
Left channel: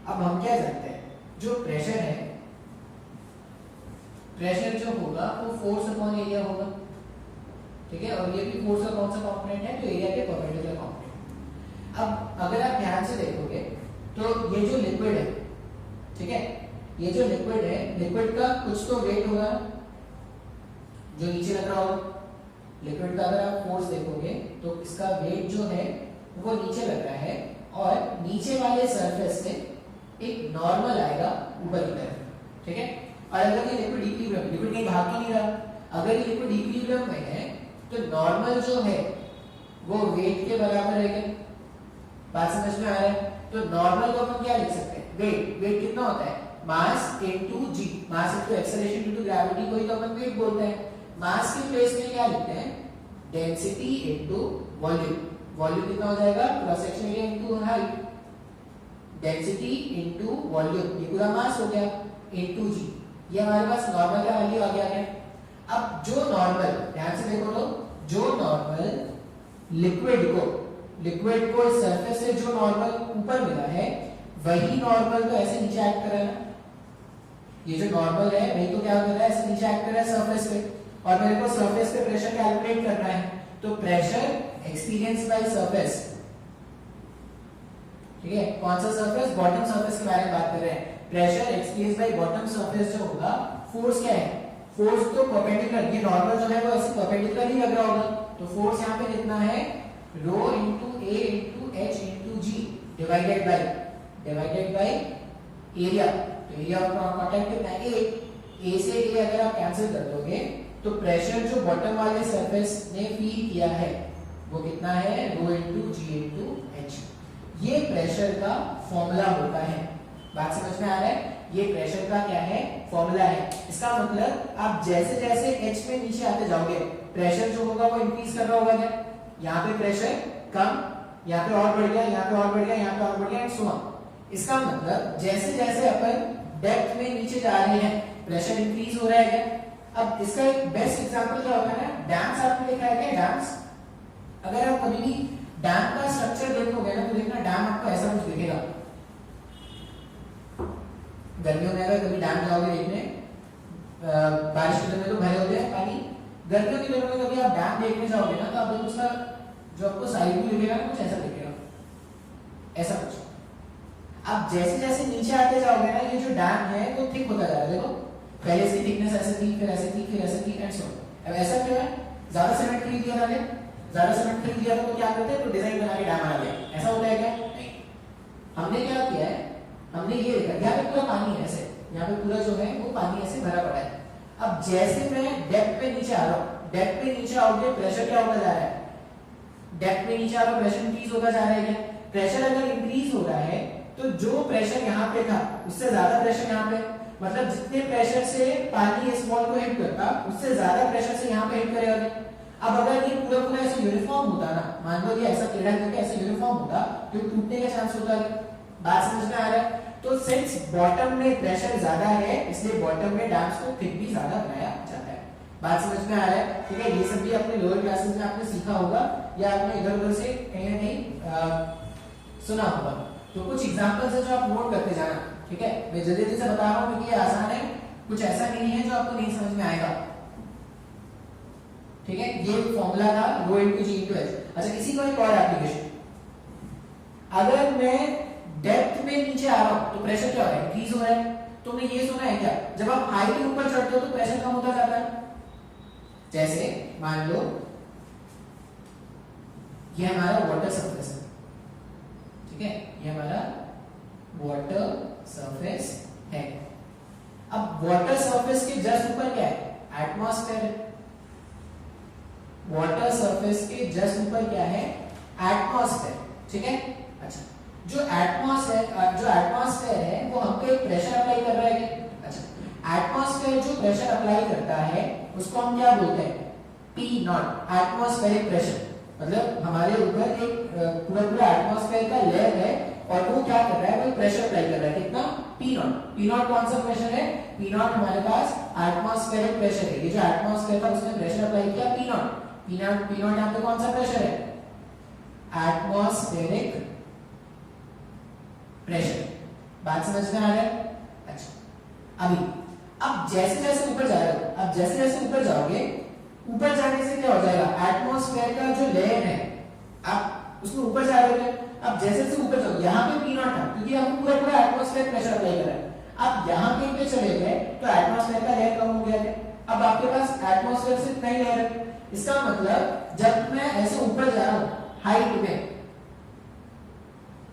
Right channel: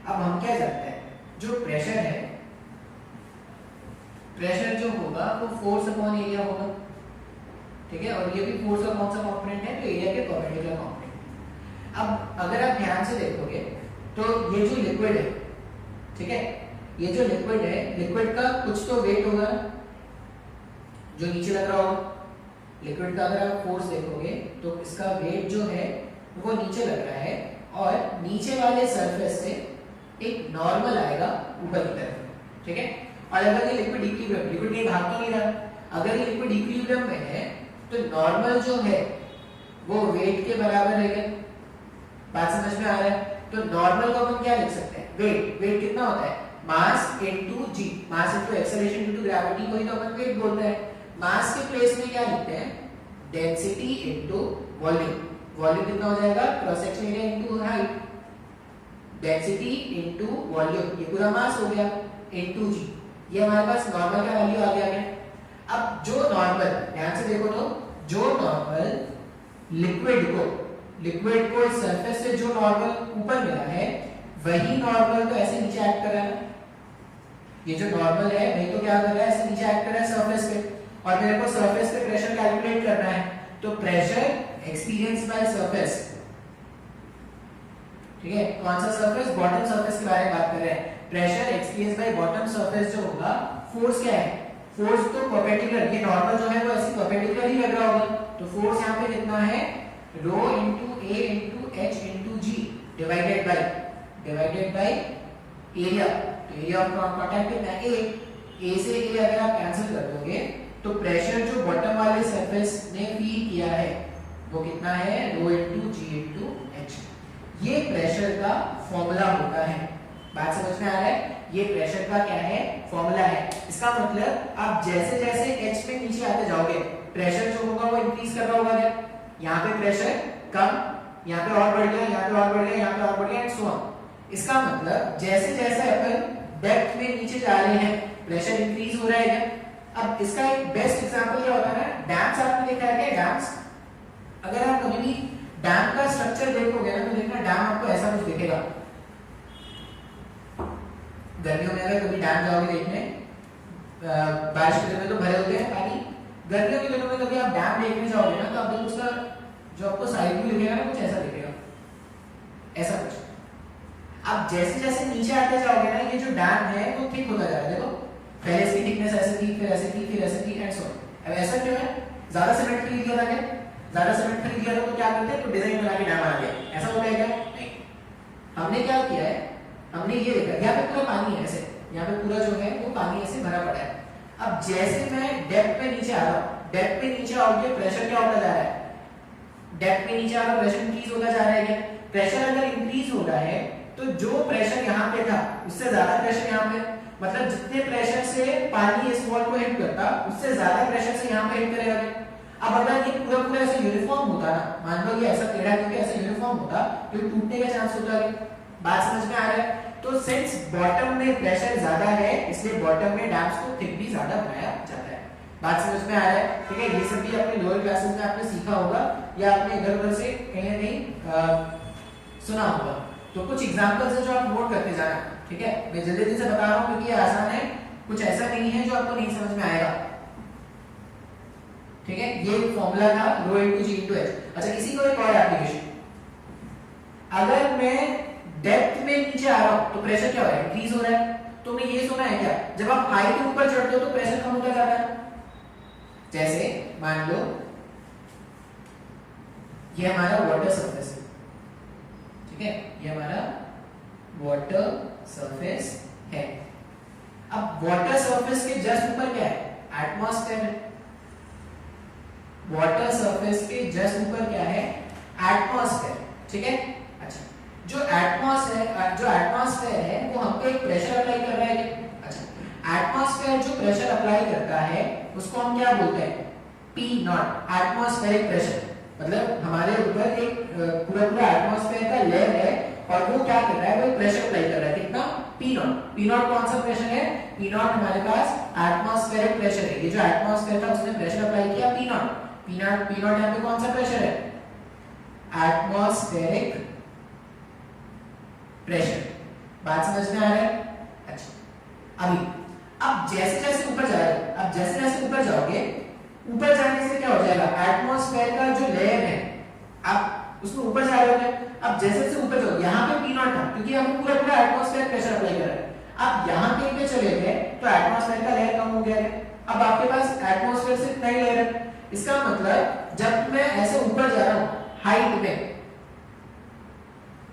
अब हम क्या जानते हैं, जो प्रेशर है, प्रेशर जो होगा वो फोर्स अपॉन एरिया होगा, ठीक है, और ये भी फोर्स का कौन सा कंपोनेंट है, तो एरिया के परपेंडिकुलर कंपोनेंट। अब अगर आप ध्यान से देखोगे तो ये जो लिक्विड है, ठीक है, ये जो लिक्विड है, लिक्विड का कुछ तो वेट होगा जो नीचे लग रहा होगा। लिक्विड का अगर आप फोर्स देखोगे तो इसका वेट जो है वो नीचे लग रहा है, और नीचे वाले सरफेस से एक नॉर्मल आएगा ऊपर की तरफ, ठीक है। और अगर ये लिक्विड इक्विलिब्रियम, लिक्विड कहीं भाग तो नहीं रहा, अगर ये लिक्विड इक्विलिब्रियम में है तो नॉर्मल जो है वो वेट के बराबर रहेगा। बात समझ में आ रहा है? तो नॉर्मल को हम क्या लिख सकते हैं, वेट। वेट कितना होता है, mass into G, mass into acceleration into gravity को ही तो अपन वेट बोलते हैं। मास के प्लेस में क्या लिखते हैं, डेंसिटी इनटू वॉल्यूम। वॉल्यूम कितना हो जाएगा, cross section area into height, density into volume, ये पूरा मास हो गया, इनटू जी। ये हमारे पास नॉर्मल का वैल्यू आ गया है। अब जो नॉर्मल, ध्यान से देखो तो, जो नॉर्मल लिक्विड को इस सरफेस से जो नॉर्मल ऊपर मिला है, वही नॉर्मल तो ऐसे नीचे एक्ट कर रहा है। ये जो नॉर्मल है वही तो क्या कर रहा है, ऐसे नीचे एक्ट कर रहा है सरफेस पे, और मेरे को सरफेस पे प्रेशर कैलकुलेट करना है। तो प्रेशर एक्सपीरियंस बाय सरफेस, ठीक है, कौन सा सरफेस, बॉटम सरफेस के बारे में बात कर रहे हैं। Pressure experience by bottom surface जो होगा, फोर्स क्या है, फोर्स तो परपेंडिकुलर, ये नॉर्मल जो है वो ऐसे परपेंडिकुलर ही लग रहा होगा, तो फोर्स यहाँ पे कितना है, rho into A into H into G divided by area. तो एरिया ऑफ कांटेक्ट कितना है, ए से ए अगर आप कैंसिल कर दोगे तो प्रेशर जो बॉटम वाले सरफेस ने फील किया है वो कितना है, रो इनटू जी इनटू एच। ये प्रेशर का फॉर्मूला होता है। बात समझ में आ रहा है? ये प्रेशर का क्या है, फॉर्मूला है। इसका मतलब आप जैसे जैसे एच में नीचे आते जाओगे, प्रेशर जो होगा वो इंक्रीज कर रहा होगा क्या, यहाँ पे प्रेशर कम, यहाँ पे और बढ़ गया, यहाँ पे और बढ़ गया, यहाँ पे और बढ़ गया, एंड सो ऑन। इसका मतलब जैसे जैसे अपन डेप्थ में नीचे जा रहे हैं, प्रेशर इंक्रीज हो रहा है क्या। अब इसका एक बेस्ट एग्जांपल क्या होता है, डैम्स आपने देखा है क्या, डैम्स। अगर आप कभी भी डैम का स्ट्रक्चर देखोगे ना, तो देखना डैम आपको ऐसा कुछ दिखेगा। गर्मियों में अगर कभी डैम जाओगे देखने, बारिश के दिनों में तो भरे होते हैं पानी, गर्मियों के दिनों में कभी आप डैम देखने जाओगे ना, तो आप देखो उसका जो आपको साइड व्यू दिखेगा ना, कुछ ऐसा दिखेगा, ऐसा कुछ। आप जैसे जैसे नीचे आते जाओगे ना, ये जो डैम है वो थिक होता जा रहा है। देखो पहले इसकी थिकनेस ऐसे थी, फिर ऐसे थी, फिर ऐसे थी, एंड सो ऑन। अब ऐसा क्यों है, ज्यादा सीमेंट खरीद दिया था, ज्यादा सीमेंट खरीद दिया तो क्या करते हैं, तो डिजाइन बना के डैम बना दिया, ऐसा होता है क्या, नहीं। हमने क्या किया है, हमने ये देखा, यहाँ पे पूरा पानी है ऐसे, यहाँ पे पूरा जो है वो पानी ऐसे भरा पड़ा है। अब जैसे मैं डेप्थ पे नीचे आ रहा हूँ, डेप्थ पे नीचे आओगे प्रेशर क्या होता जा रहा है, डेप्थ पे नीचे आ रहा, प्रेशर इंक्रीज होता जा रहा है क्या। प्रेशर अगर इंक्रीज हो रहा है तो जो प्रेशर यहाँ पे था उससे ज्यादा प्रेशर यहाँ पे, मतलब जितने प्रेशर से पानी इस वॉल को हिट करता, उससे ज्यादा प्रेशर से यहाँ पे हिट करेगा। अब अगर ये पूरा पूरा ऐसे यूनिफॉर्म होता ना, मान लो ये ऐसा टेढ़ा करके ऐसे यूनिफॉर्म होता, तो टूटने का चांस होता है। बात समझ में आ रहा है? तो सिंस बॉटम में प्रेशर ज्यादा है, इसलिए बॉटम में डैम्स को थिक भी ज्यादा बनाया जाता है। बात समझ में आ रहा है? ठीक है, ये सब भी अपने लोअर क्लासेस में आपने सीखा होगा, या आपने इधर उधर से कहीं ना कहीं सुना होगा। तो कुछ एग्जांपल्स है जो आप नोट करते जाना, ठीक है। मैं जल्दी जल्दी से बता रहा हूँ क्योंकि ये आसान है, कुछ ऐसा नहीं है जो आपको नहीं समझ में आएगा, ठीक है। ये फॉर्मूला था रो इनटू जी इनटू एच। अच्छा, इसी को एक और एप्लीकेशन, अगर मैं डेप्थ में नीचे आ रहा हूं तो प्रेशर क्या हो रहा है, इंक्रीज हो रहा है। तुमने ये सुना है क्या, जब आप हाइट ऊपर चढ़ते हो तो प्रेशर कम होता जाता है। जैसे मान लो ये हमारा वाटर सरफेस है, ठीक है, ये हमारा वाटर सरफेस है। अब वाटर सरफेस के जस्ट ऊपर क्या है, एटमॉस्फेयर है। वाटर सरफेस के जस्ट ऊपर क्या है, एटमॉस्फेयर, ठीक है। अच्छा, जो एटमॉस्फेयर है वो हम पे एक प्रेशर अप्लाई कर रहा है क्या। अच्छा, एटमॉस्फेयर अप्लाई करता है उसको हम क्या बोलते हैं, पी नॉट, एटमॉस्फेरिक प्रेशर। मतलब हमारे ऊपर एक पूरा पूरा एटमॉस्फेयर का लेयर है और वो क्या कर रहा है, वो प्रेशर अप्लाई कर रहा है, कितना, पी नॉट। पी नॉट कौन सा प्रेशर है, पी नॉट हमारे पास एटमॉस्फेरिक प्रेशर है। ये जो एटमॉस्फेयर था उसने प्रेशर अप्लाई किया पी नॉट, पी नॉट यहाँ पे कौन सा प्रेशर है, एटमॉस्फेरिक प्रेशर। बात समझ में आ रहा है? अच्छा, अभी अब जैसे जैसे ऊपर जा रहे हो, अब जैसे जैसे ऊपर जाओगे, ऊपर जाने से क्या हो जाएगा, एटमॉस्फेयर का जो लेयर है आप उसमें ऊपर जा रहे हो, अब जैसे जैसे ऊपर जाओ, यहाँ पे पी नॉट था क्योंकि हम पूरा पूरा एटमॉस्फेयर प्रेशर अप्लाई कर रहे हैं। अब यहाँ कहीं पे चले गए तो एटमॉस्फेयर का लेयर कम हो गया है, अब आपके पास एटमॉस्फेयर से इतना ही लेयर है। इसका मतलब जब मैं ऐसे ऊपर जा रहा हूँ हाइट में,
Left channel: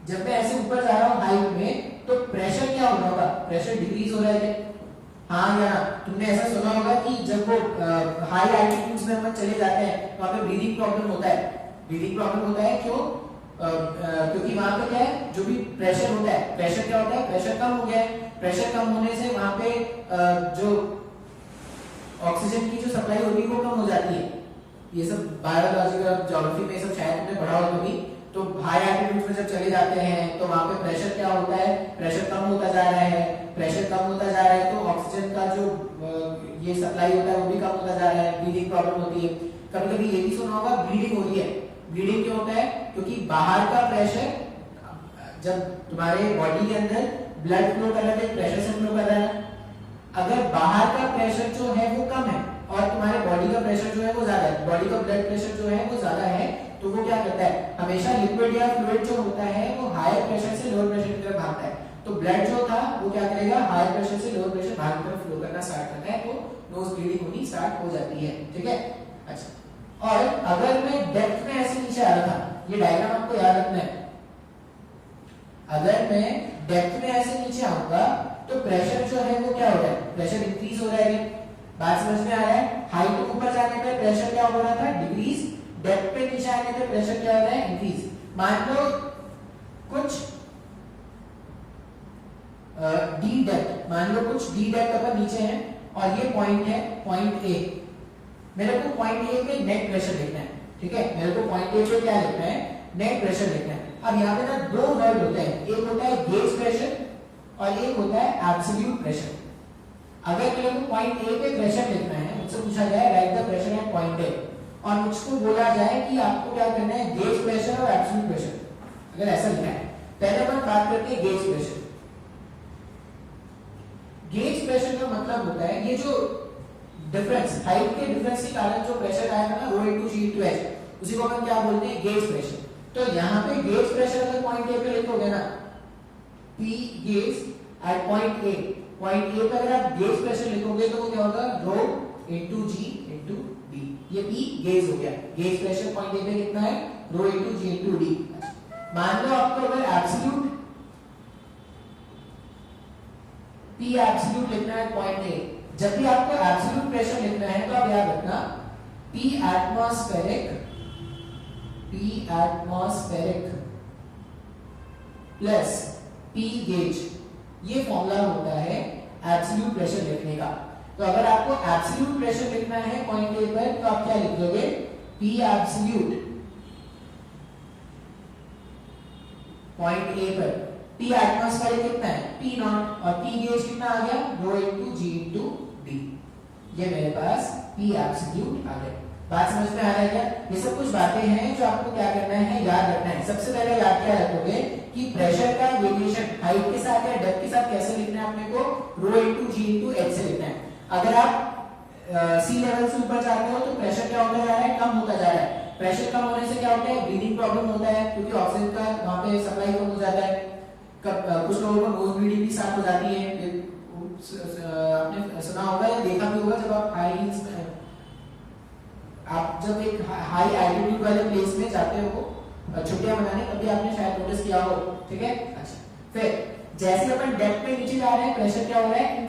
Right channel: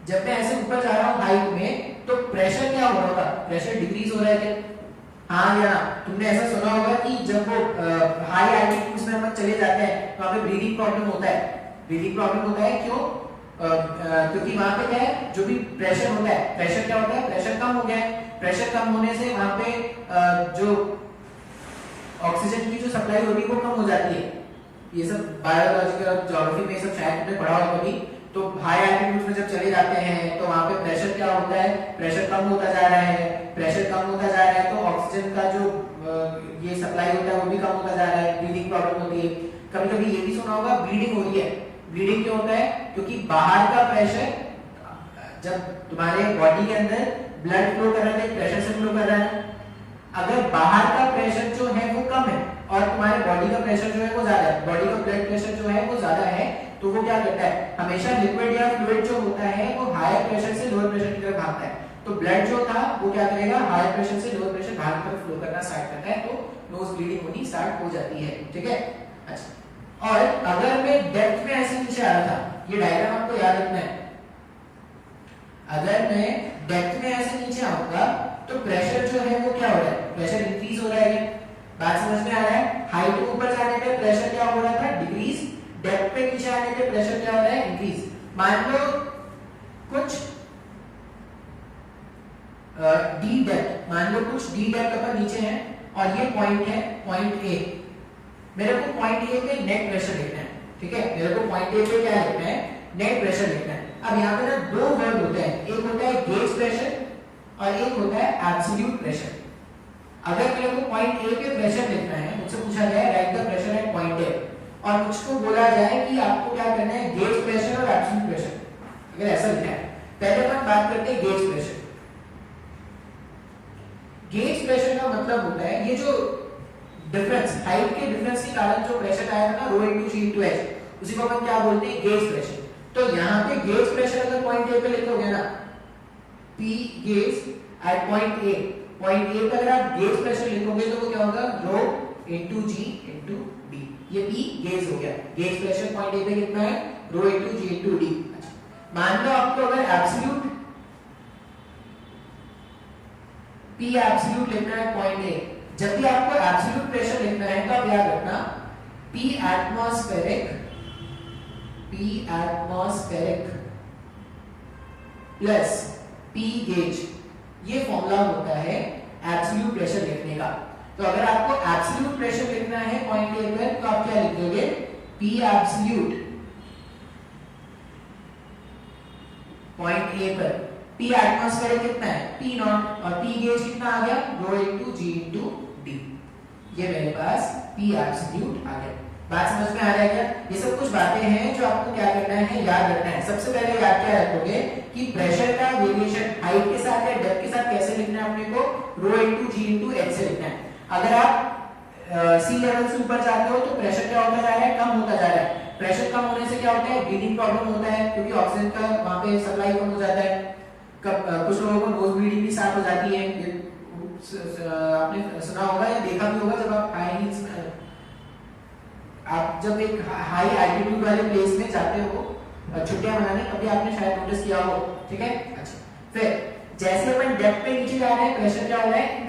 जब मैं ऐसे ऊपर जा रहा हूँ हाइट में, तो प्रेशर क्या हो रहा होगा, प्रेशर डिक्रीज हो रहा है क्या? हाँ या तुमने ऐसा सुना होगा कि जब वो हाई एल्टीट्यूड्स में हम चले जाते हैं तो हमें ब्रीदिंग प्रॉब्लम होता है। ब्रीदिंग प्रॉब्लम होता है क्यों? क्योंकि वहां पे क्या है, जो भी प्रेशर होता है, प्रेशर क्या होता है, प्रेशर कम हो गया है। प्रेशर कम होने से वहां पे जो ऑक्सीजन की जो सप्लाई होगी वो कम हो जाती है। ये सब बायोलॉजी और ज्योग्राफी में सब शायद तुमने पढ़ा हो कभी। तो हाई एल्टीट्यूड में जब चले जाते हैं तो वहां पे प्रेशर क्या होता है, प्रेशर कम होता जा रहा है। प्रेशर कम होता जा रहा है तो ऑक्सीजन का जो ये सप्लाई होता है वो भी कम होता जा रहा है, ब्रीदिंग प्रॉब्लम होती है। कभी कभी ये भी सुना होगा ब्लीडिंग हो रही है। ब्लीडिंग क्यों होता है? क्योंकि बाहर का प्रेशर, जब तुम्हारे बॉडी के अंदर ब्लड फ्लो कर रहा है, प्रेशर से फ्लो कर रहा है, अगर बाहर का प्रेशर जो है वो कम है और तुम्हारे बॉडी का प्रेशर जो है वो ज्यादा है, बॉडी का ब्लड प्रेशर जो है वो ज्यादा है, तो वो क्या करता है, हमेशा लिक्विड या फ्लूइड जो होता है वो हायर प्रेशर से लोअर प्रेशर की तरफ भागता है। तो ब्लड जो था वो क्या करेगा, हायर प्रेशर से लोअर प्रेशर भाग की तरफ फ्लो करना स्टार्ट करता है, तो नोज ब्लीडिंग होनी स्टार्ट हो जाती है। ठीक है, अच्छा। और अगर मैं डेप्थ में ऐसे नीचे आ रहा था, ये डायग्राम आपको याद रखना है, अगर मैं डेप्थ में ऐसे नीचे आऊंगा तो प्रेशर जो है वो क्या हो रहा है, प्रेशर इंक्रीज हो रहा है। बात समझ में आ रहा है? हाइट पे ऊपर जाने पे प्रेशर क्या हो रहा था, डिक्रीज, डेप्थ पे नीचे आने पे प्रेशर क्या हो रहा है, इंक्रीज। मान लो कुछ डी डेप्थ, मान लो कुछ डी डेप्थ अपन नीचे हैं और ये पॉइंट है, पॉइंट ए। मेरे को पॉइंट ए पे नेट प्रेशर लिखना है। ठीक है, मेरे को पॉइंट ए पे क्या लिखना है, नेट प्रेशर लिखना है। अब यहाँ पे ना दो वर्ड होते हैं, एक होता है गेज प्रेशर और एक होता है एब्सोल्यूट प्रेशर। अगर मेरे को पॉइंट ए पे प्रेशर लिखना है, मुझसे पूछा गया है right the pressure at point ए, और मुझको बोला जाए कि आपको क्या करना है, गेज प्रेशर और एब्सोल्यूट प्रेशर, अगर ऐसा लिखना है, पहले हम बात करते हैं गेज प्रेशर। गेज प्रेशर का मतलब होता है ये जो डिफरेंस, हाइट के डिफरेंस के कारण जो प्रेशर आया ना, रो इनटू जी इनटू एच, उसी को हम क्या बोलते हैं, गेज प्रेशर। तो यहाँ पे गेज प्रेशर अगर पॉइंट ए पे लिखोगे ना, P gauge at point A, point A पे अगर आप गेज प्रेशर लिखोगे तो वो क्या होगा, रो इनटू जी इनटू डी। ये P गेज हो गया। गेज प्रेशर पॉइंट ए पे कितना है, रो इनटू जी इनटू डी। मान लो आपको अगर एब्सोल्यूट P एब्सोल्यूट लिखना है पॉइंट ए, जब भी आपको एब्सोल्यूट प्रेशर लिखना है तो आप याद रखना P atmospheric plus P gauge, ये फॉर्मूला होता है एब्सोल्यूट प्रेशर लिखने का। तो अगर आपको एब्सोल्यूट प्रेशर लिखना है पॉइंट ए पर तो आप क्या लिख दोगे, P एब्सोल्यूट पॉइंट ए पर, P एटमॉस्फेरिक कितना है, P नॉट, और P गेज कितना आ गया, रो इनटू जी इनटू डी। ये मेरे पास P एब्सोल्यूट आ गया। बात समझ में आ रहा है क्या? ये सब कुछ बातें हैं जो आपको क्या करना है, याद रखना है। सबसे पहले याद क्या रखोगे कि प्रेशर का वेरिएशन हाइट के साथ या डेप्थ के साथ कैसे लिखना है अपने को, रो इनटू जी इनटू एच से लिखना है। अगर आप सी लेवल से ऊपर जाते हो तो प्रेशर क्या होता जा रहा है, कम होता जा रहा है। प्रेशर कम होने से क्या होता है, ब्रीदिंग प्रॉब्लम होता है, क्योंकि ऑक्सीजन का वहां पे सप्लाई कम हो जाता है। कुछ लोगों को नोज ब्लीडिंग भी स्टार्ट हो जाती है। ये आपने सुना होगा या देखा भी होगा, जब आप हाई हील्स में, आप जब एक हाई एल्टीट्यूड वाले प्लेस में जाते हो छुट्टियां मनाने, तभी आपने शायद नोटिस किया हो। ठीक है, अच्छा। फिर जैसे अपन डेप्थ पे नीचे जा रहे हैं, प्रेशर क्या हो रहा है,